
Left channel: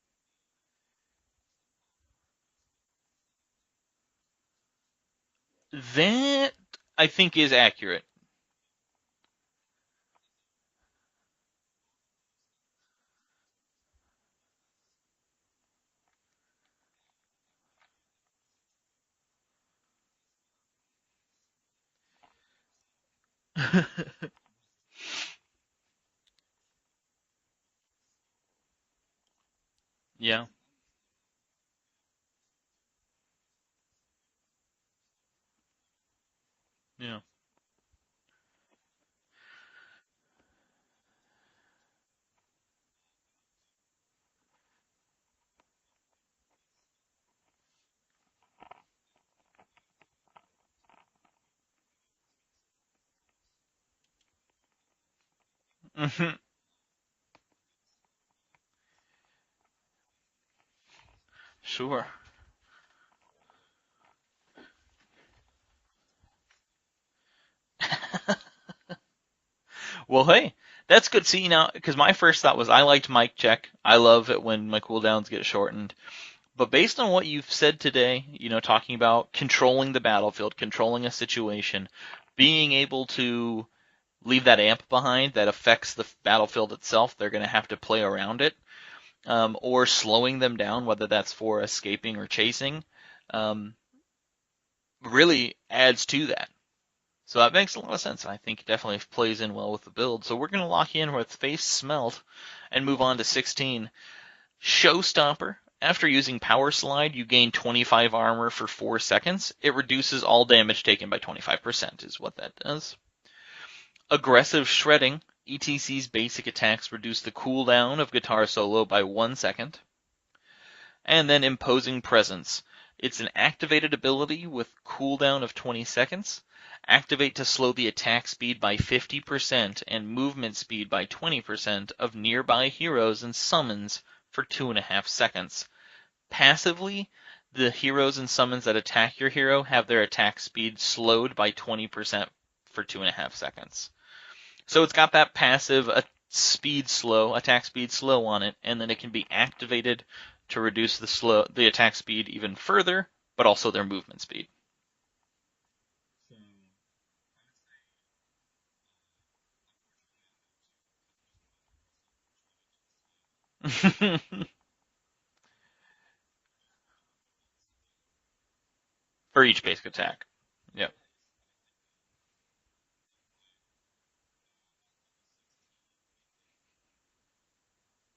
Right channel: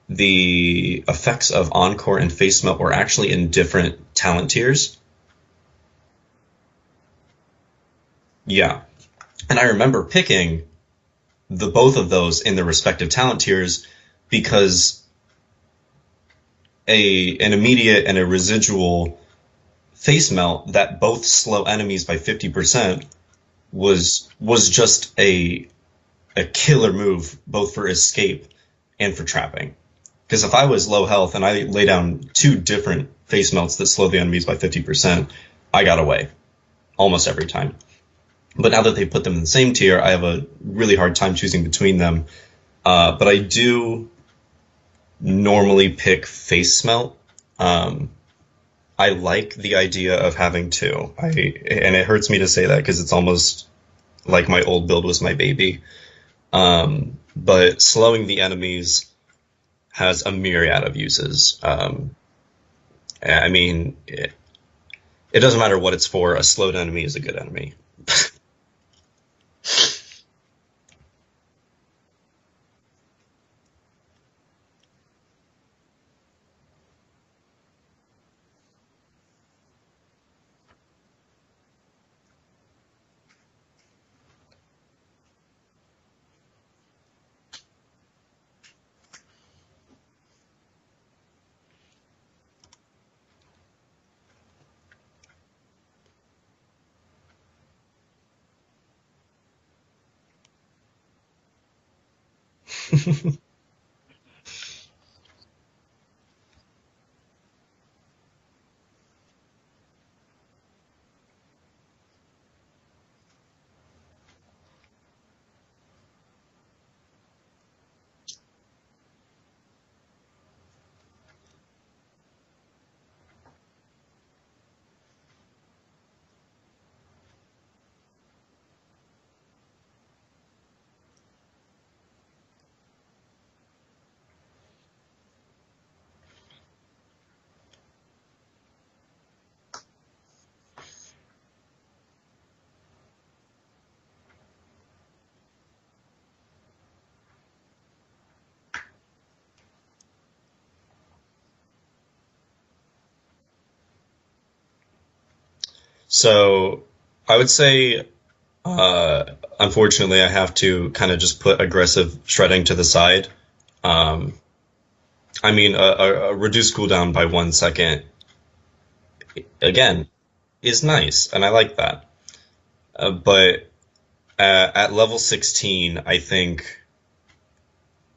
the effects of Encore and Facemelt were actually in different talent tiers. That, I think, is accurate. Yeah. And I remember picking the both of those in their respective talent tiers because an immediate and a residual face melt that both slow enemies by 50% was just a killer move both for escape and for trapping. Yeah. Because if I was low health and I lay down 2 different face melts that slow the enemies by 50%, I got away almost every time. But now that they put them in the same tier, I have a really hard time choosing between them. But I do normally pick face smelt. I like the idea of having 2. And it hurts me to say that because it's almost like my old build was my baby. Mm-hmm. But slowing the enemies has a myriad of uses. Sure. I mean, it doesn't matter what it's for. A slowed enemy is a good enemy. Well, hey, that's good. See, now, because my first thought was I liked Mic Check. I love it when my cooldowns get shortened. But based on what you've said today, talking about controlling the battlefield, controlling a situation, being able to leave that amp behind that affects the battlefield itself, they're going to have to play around it, or slowing them down, whether that's for escaping or chasing, um, really adds to that. So that makes a lot of sense. I think it definitely plays in well with the build. So we're going to lock in with Facemelt and move on to 16. Showstopper. After using Power Slide, you gain 25 armor for 4 seconds. It reduces all damage taken by 25% is what that does. Aggressive Shredding. ETC's basic attacks reduce the cooldown of guitar solo by 1 second. And then Imposing Presence. It's an activated ability with cooldown of 20 seconds. Activate to slow the attack speed by 50% and movement speed by 20% of nearby heroes and summons for 2.5 seconds. Passively, the heroes and summons that attack your hero have their attack speed slowed by 20% for 2.5 seconds. So it's got that passive attack speed slow on it, and then it can be activated to reduce the attack speed even further, but also their movement speed. So I would say, unfortunately, I have to kind of just put aggressive shredding to the side. I mean, a reduced cooldown by 1 second, for each again, attack is nice, and I like that. But at level 16, I think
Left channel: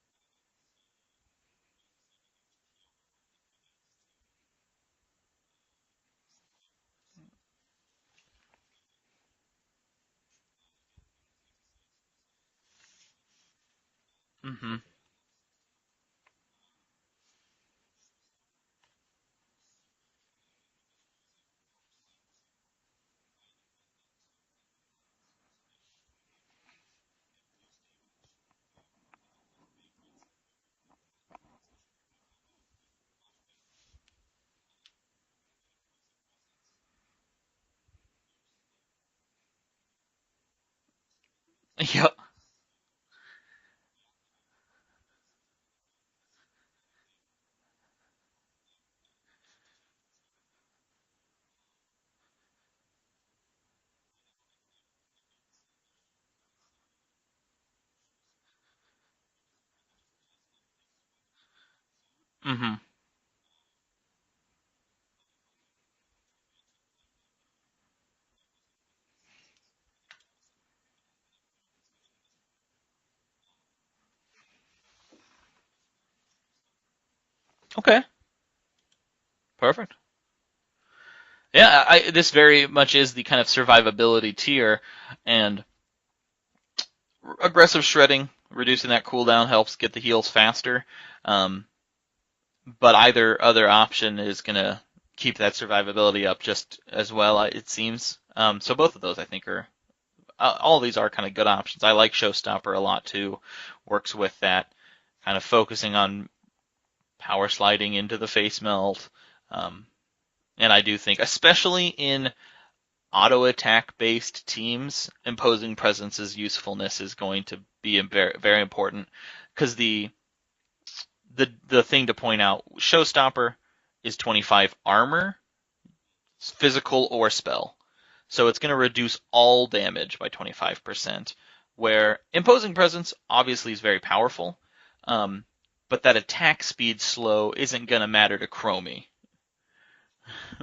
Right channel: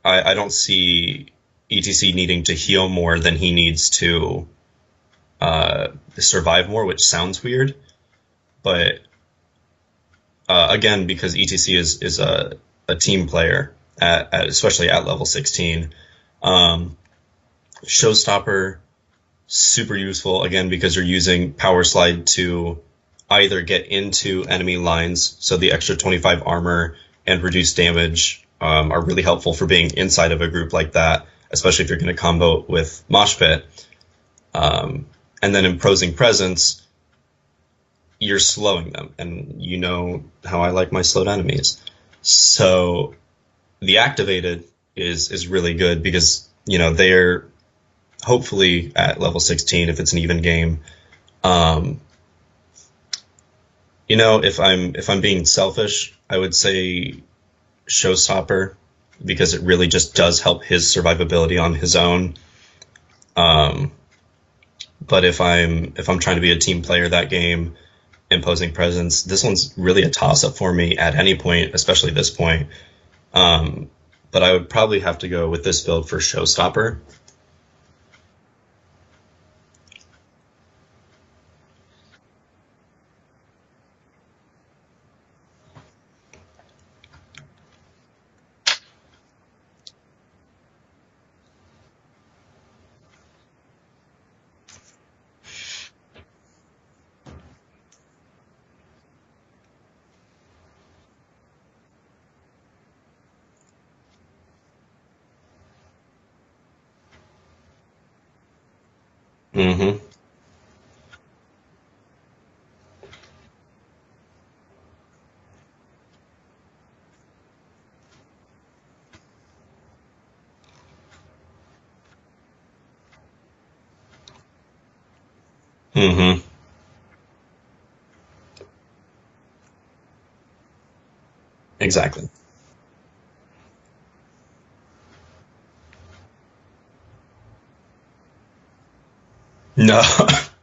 I don't see ETC needing to heal more than he needs to survive more, which sounds weird. But again, because ETC is a team player, especially at level 16, Showstopper, super useful, again, because you're using Power Slide to either get into enemy lines, so the extra 25 armor and reduced damage are really helpful for being inside of a group like that, especially if you're going to combo with Mosh Pit. And then Imposing Presence, you're slowing them, and you know how I like my slowed enemies. Yep. So the activated is really good because, they're hopefully at level 16 if it's an even game. If I'm being selfish, I would say Showstopper, because it really just does help his survivability on his own. Mm-hmm. But if I'm trying to be a team player that game, Imposing Presence, this one's really a toss-up for me at any point, especially this point. But I would probably have to go with this build for Showstopper. Okay. Perfect. Yeah, this very much is the kind of survivability tier, and aggressive shredding, reducing that cooldown helps get the heals faster. But either other option is going to keep that survivability up just as well, it seems. So both of those, I think, are all of these are kind of good options. I like Showstopper a lot too. Works with that kind of focusing on power sliding into the Facemelt. And I do think, especially in auto attack based teams, Imposing Presence's usefulness is going to be very, very important, because the thing to point out, Showstopper is 25 armor, physical or spell. So it's going to reduce all damage by 25%. Where Exactly. Imposing Presence obviously is very powerful, but that attack speed slow isn't going to matter to Chromie. No,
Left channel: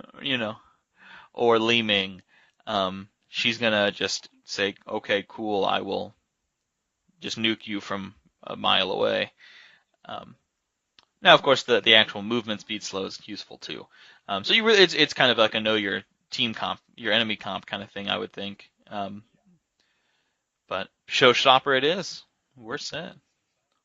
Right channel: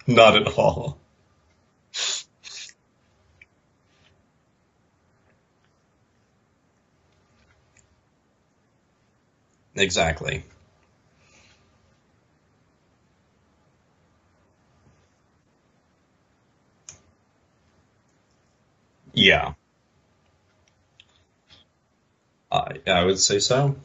not at all. Or Li Ming. She's going to just say, okay, cool, I will just nuke you from a mile away. Exactly. Now, of course, the actual movement speed slow is useful too. So you really, it's kind of like a know your team comp, your enemy comp kind of thing, I would think. Yeah. But Showstopper it is. I would say so.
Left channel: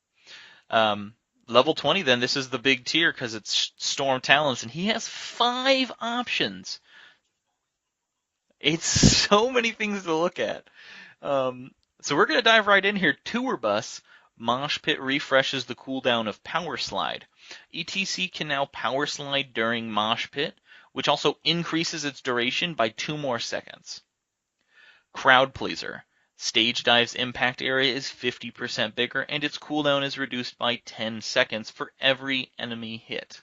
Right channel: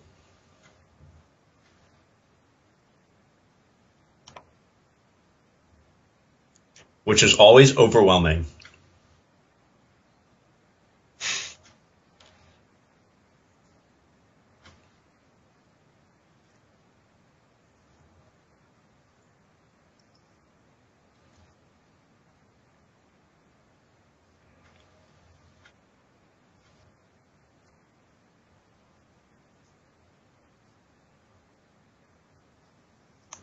Level 20, then, this is the big tier because it's Storm Talons, and he has 5 options. Which is always overwhelming. It's so many things to look at. So we're going to dive right in here. Tour Bus, Mosh Pit refreshes the cooldown of Power Slide. ETC can now Power Slide during Mosh Pit, which also increases its duration by 2 more seconds. Crowd Pleaser. Stage Dive's impact area is 50% bigger, and its cooldown is reduced by 10 seconds for every enemy hit.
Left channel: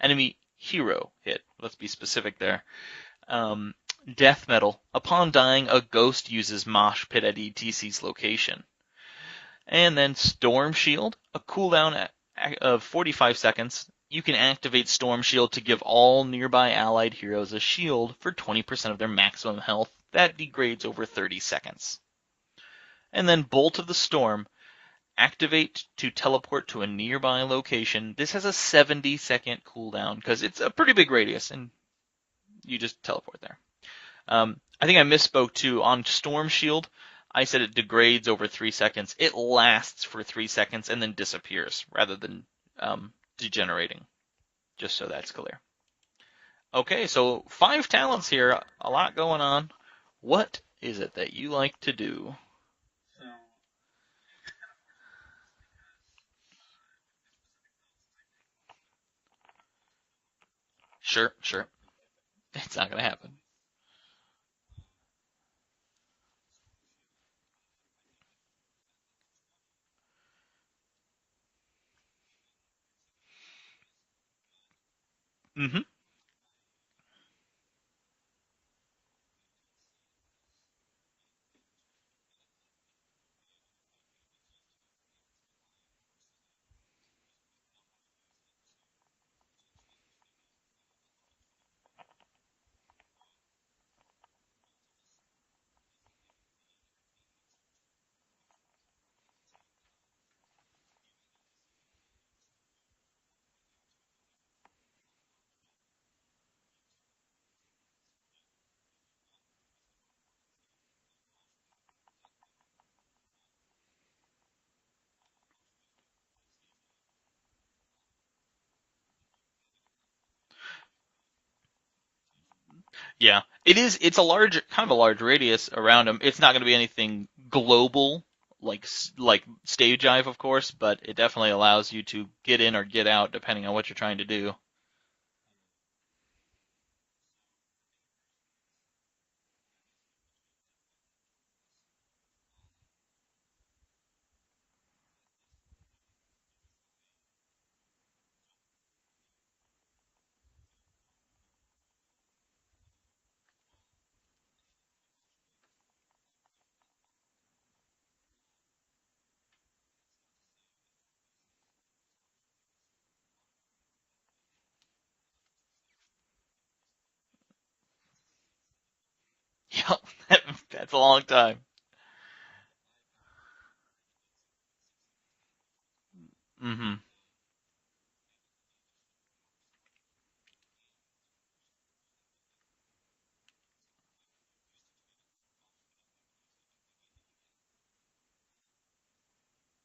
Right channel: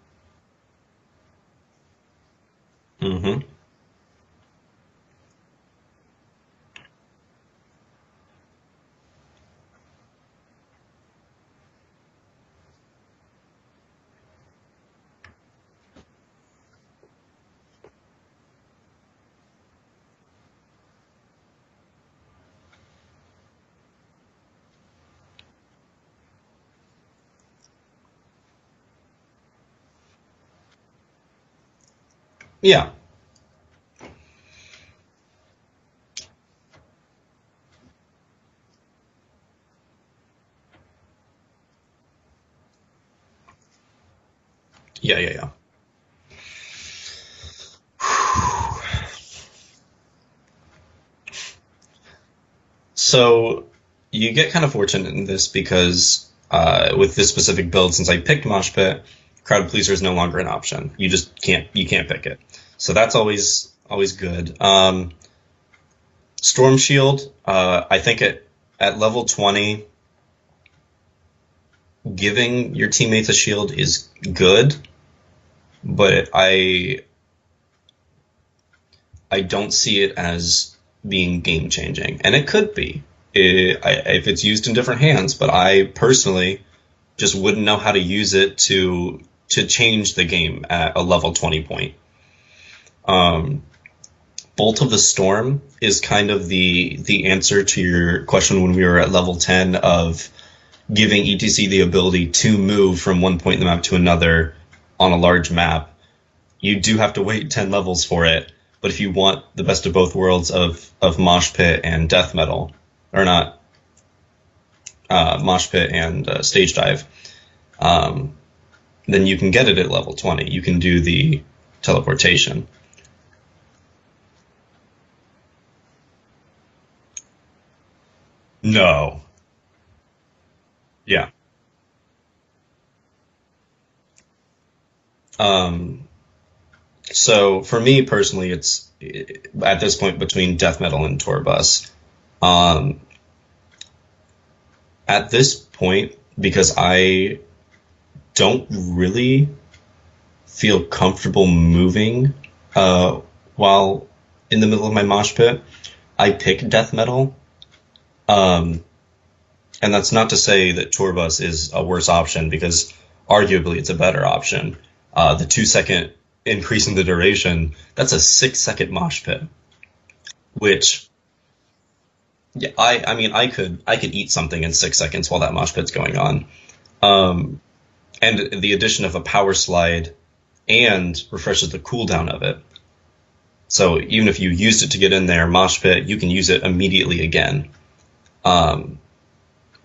Enemy hero hit. Let's be specific there. Mm-hmm. Death Metal. Upon dying, a ghost uses Mosh Pit at ETC's location. And then Storm Shield, a cooldown of 45 seconds. You can activate Storm Shield to give all nearby allied heroes a shield for 20% of their maximum health. That degrades over 30 seconds. And then Bolt of the Storm. Activate to teleport to a nearby location. This has a 70-second cooldown because it's a pretty big radius, and you just teleport there. I think I misspoke too. On Storm Shield, I said it degrades over 3 seconds. It lasts for 3 seconds and then disappears rather than degenerating. Just so that's clear. Okay, so 5 talents here. A lot going on. What is it that you like to do? So you get kind of fortunate in this because with this specific build, since I picked Mosh Pit, Crowd Pleaser is no longer an option. You just can't pick it. So that's always good. Storm Shield, I think at level 20, giving your teammates a shield is good, but I don't see it as being game changing, and it could be if it's used in different hands. But I personally just wouldn't know how to use it to change the game at a level 20 point. Bolt of the Storm is kind of the answer to your question when we were at level 10 of giving ETC the ability to move from one point in the map to another on a large map. You do have to wait 10 levels for it, but if you want the best of both worlds of Mosh Pit and Death Metal, or not, Mosh Pit and Stage Dive, then you can get it at level 20. You can do the teleportation. Yeah, it's a large radius around them. It's not going to be anything global. Like Stage Dive, of course, but it definitely allows you to get in or get out depending on what you're trying to do. So for me personally, it's at this point between Death Metal and Torbus. At this point, because I don't really feel comfortable moving while in the middle of my mosh pit, I pick Death Metal. And that's not to say that Torbus is a worse option, because arguably it's a better option. The 2-second increase in the duration, that's a 6-second mosh pit. Yeah, which that's a long time. Yeah, I mean, I could eat something in 6 seconds while that mosh pit's going on. And the addition of a power slide and refreshes the cooldown of it. So even if you used it to get in there, mosh pit, you can use it immediately again.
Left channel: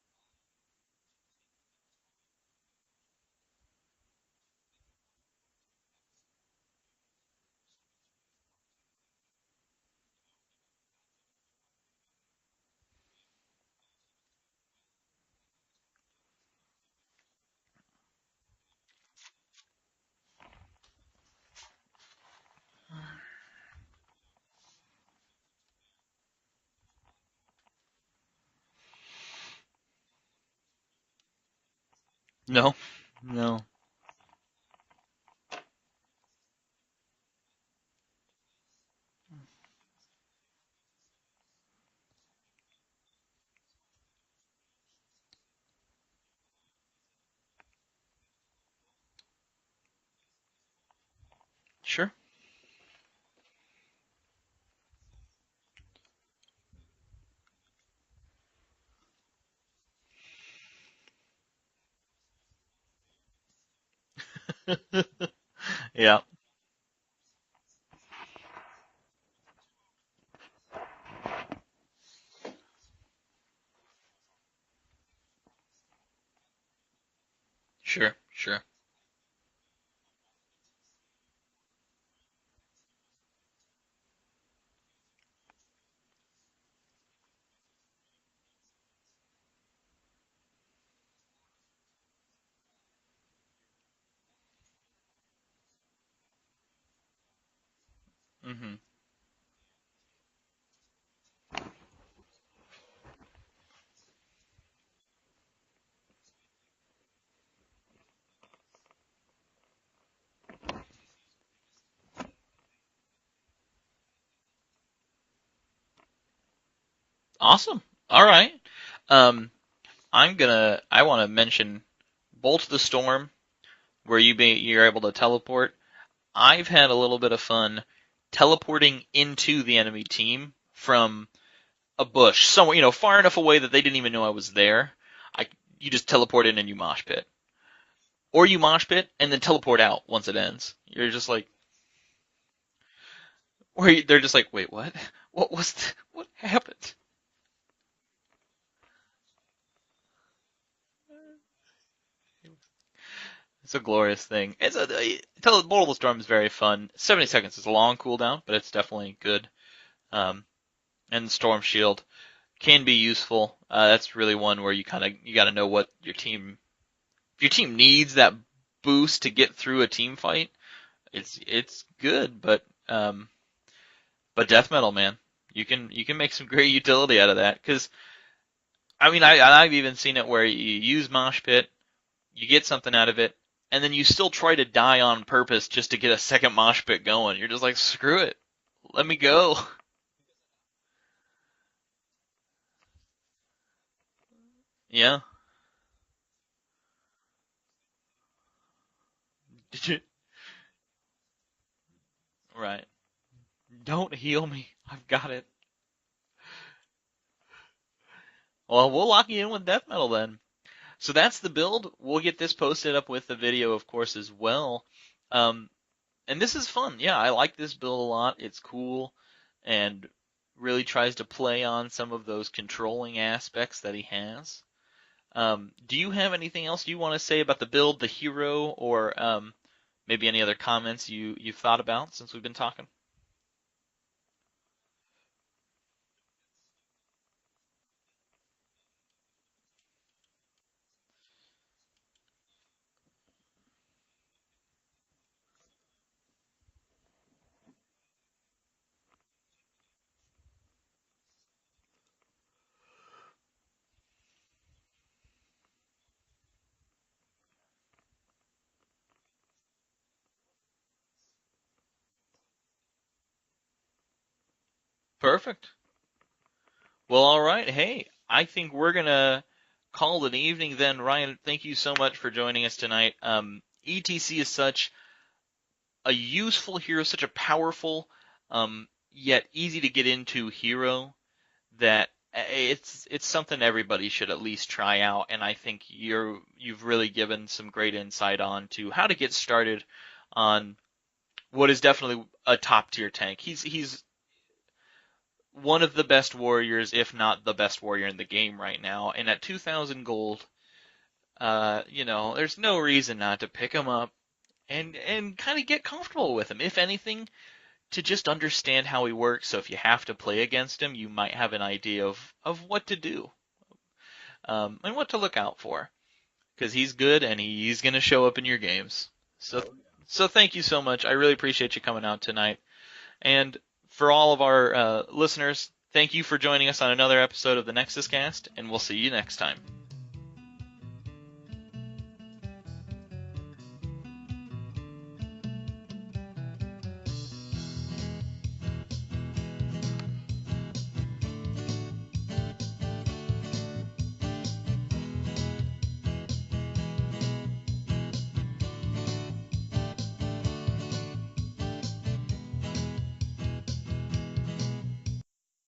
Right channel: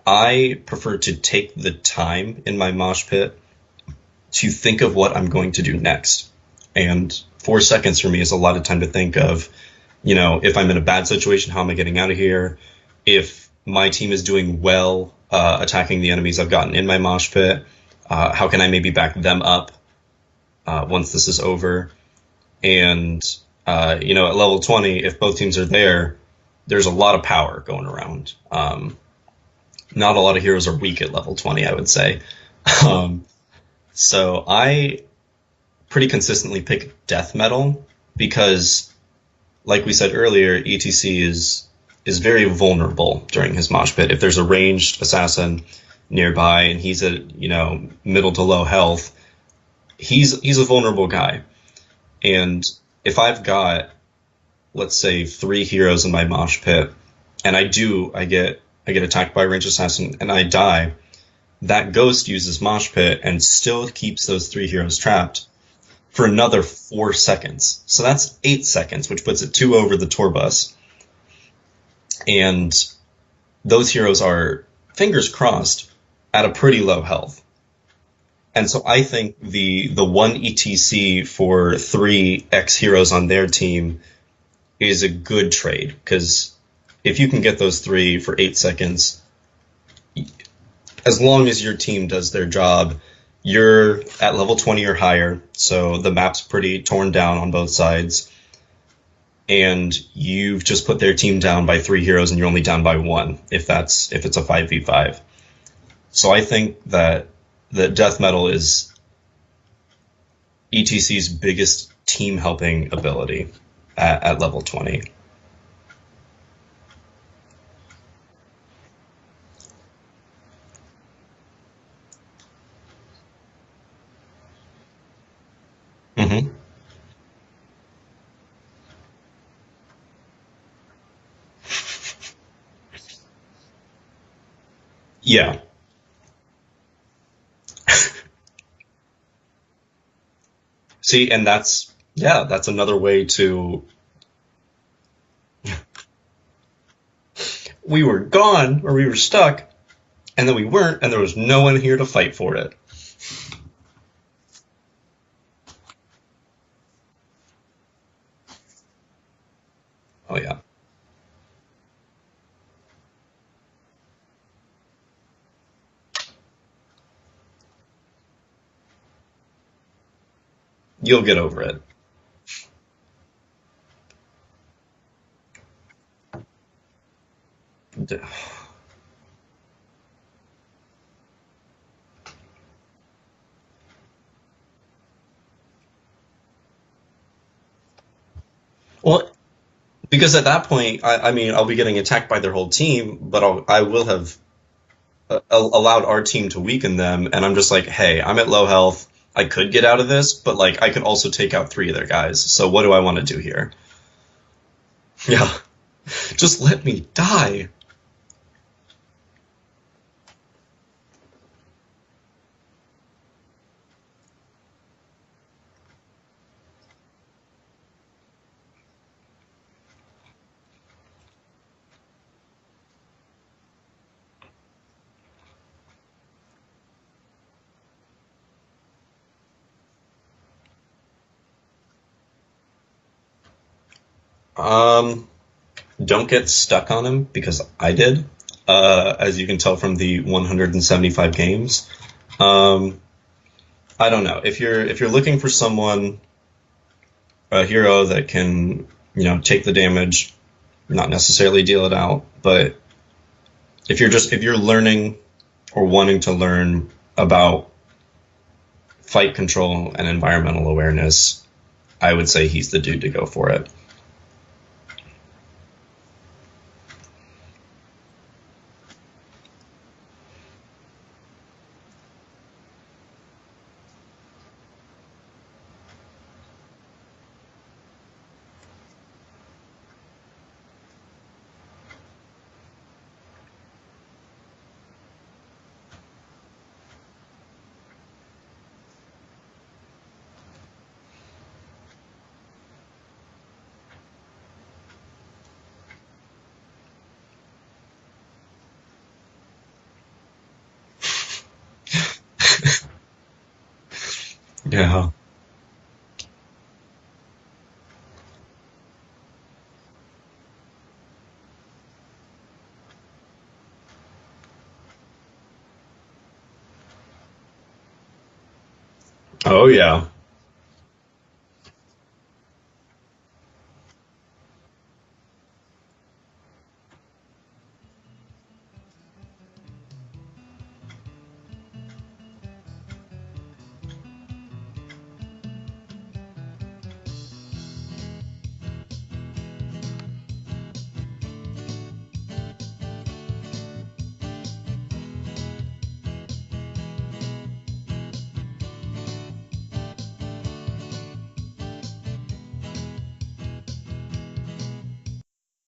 I prefer to take the time in my mosh pit to think of what I'm going to do next. And 4 seconds for me is a lot of time to think of, if I'm in a bad situation, how am I getting out of here? If my team is doing well, attacking the enemies I've gotten in my mosh pit, how can I maybe back them up once this is over? And, at level 20, if both teams are there, there's a lot of power going around. Not a lot of heroes are weak at level 20, I would say. No, no. So I pretty consistently pick Death Metal because, like we said earlier, ETC is very vulnerable during his mosh pit. If there's a ranged assassin nearby and he's at middle to low health, he's a vulnerable guy. Sure. And if I've got, let's say, 3 heroes in my mosh pit, and I get attacked by a ranged assassin and I die, that ghost uses mosh pit and still keeps those 3 heroes trapped. Yeah. For another 4 seconds. So that's 8 seconds, which puts it 2 over the Torbus. And those heroes are, fingers crossed, at a pretty low health. Sure. And so I think the 1 ETC for 3 X heroes on their team is a good trade, because if you can get those 3 for 8 seconds, as long as your team does their job, you're at level 20 or higher, so the map's pretty torn down on both sides, Hmm. and you've just put their team down by 3 heroes and you're only down by one if it's a 5v5. So I think that death metal is ETC's biggest team helping ability at level 20. Awesome. All right. Um, I want to mention Bolt of the Storm, where you're able to teleport. Hmm. I've had a little bit of fun teleporting into the enemy team from a bush somewhere, far enough away that they didn't even know I was there. Yeah. You just teleport in and you mosh pit, or you mosh pit and then teleport out once it ends. You're just See, like, and that's another way to. or they're just like, wait, what? What was it? What happened? We were gone or we were stuck, and then we weren't, and there was no one here to fight for it. It's a glorious thing. Bolt of the Storm is very fun. 70 seconds is a long cooldown, but it's definitely good. Oh Um, yeah. and Storm Shield can be useful. That's really one where you got to know what your team. If your team needs that boost to get through a team fight, You'll get over it. it's good. But death metal, man, you can make some great utility out of that. Because I mean, I've even seen it where you use Mosh Pit, you get something out of it, and then you still try to die on purpose just to get a second Mosh Pit going. You're just like, screw it, let me Well, go. because at that point, I mean, I'll be getting attacked by their whole team, but I will have Yeah. allowed our team to weaken them, and I'm just like, hey, I'm at low health. I could get out of this, but like I could also take out three of their guys. So what Right. do I want to do here? Don't heal me. I've got it. Yeah, just let me die. Well, we'll lock you in with death metal then. So that's the build. We'll get this posted up with the video, of course, as well. Um, and this is fun. Yeah, I like this build a lot. It's cool and really tries to play on some of those controlling aspects that he has. Do you have anything else you want to say about the build, the hero, or maybe any other comments you've thought about since we've been talking? Um, don't get stuck on him because I did, as you can tell from the 175 games. Um, I don't know if you're looking for someone, a hero that can take the damage, not necessarily deal it out, but if you're learning or wanting to learn about fight control and environmental awareness, I would say he's the dude to go for it. Perfect. Well, all right. Hey, I think we're gonna call it an evening then. Ryan, thank you so much for joining us tonight. ETC is such a useful hero, such a powerful, yet easy to get into hero that it's something everybody should at least try out. And I think you've really given some great insight on to how to get started on what is definitely a top tier tank. He's one of the best warriors, if not the best warrior in the game right now. And at 2,000 gold, there's no reason not to pick him up Yeah. and kind of get comfortable with him. If anything, to just understand how he works. So if you have to play against him, you might have an idea of what to do, and what to look out for. Because he's good and he's going to show up in your games. Oh yeah. So thank you so much. I really appreciate you coming out tonight. And for all of our listeners, thank you for joining us on another episode of the NexusCast, and we'll see you next time.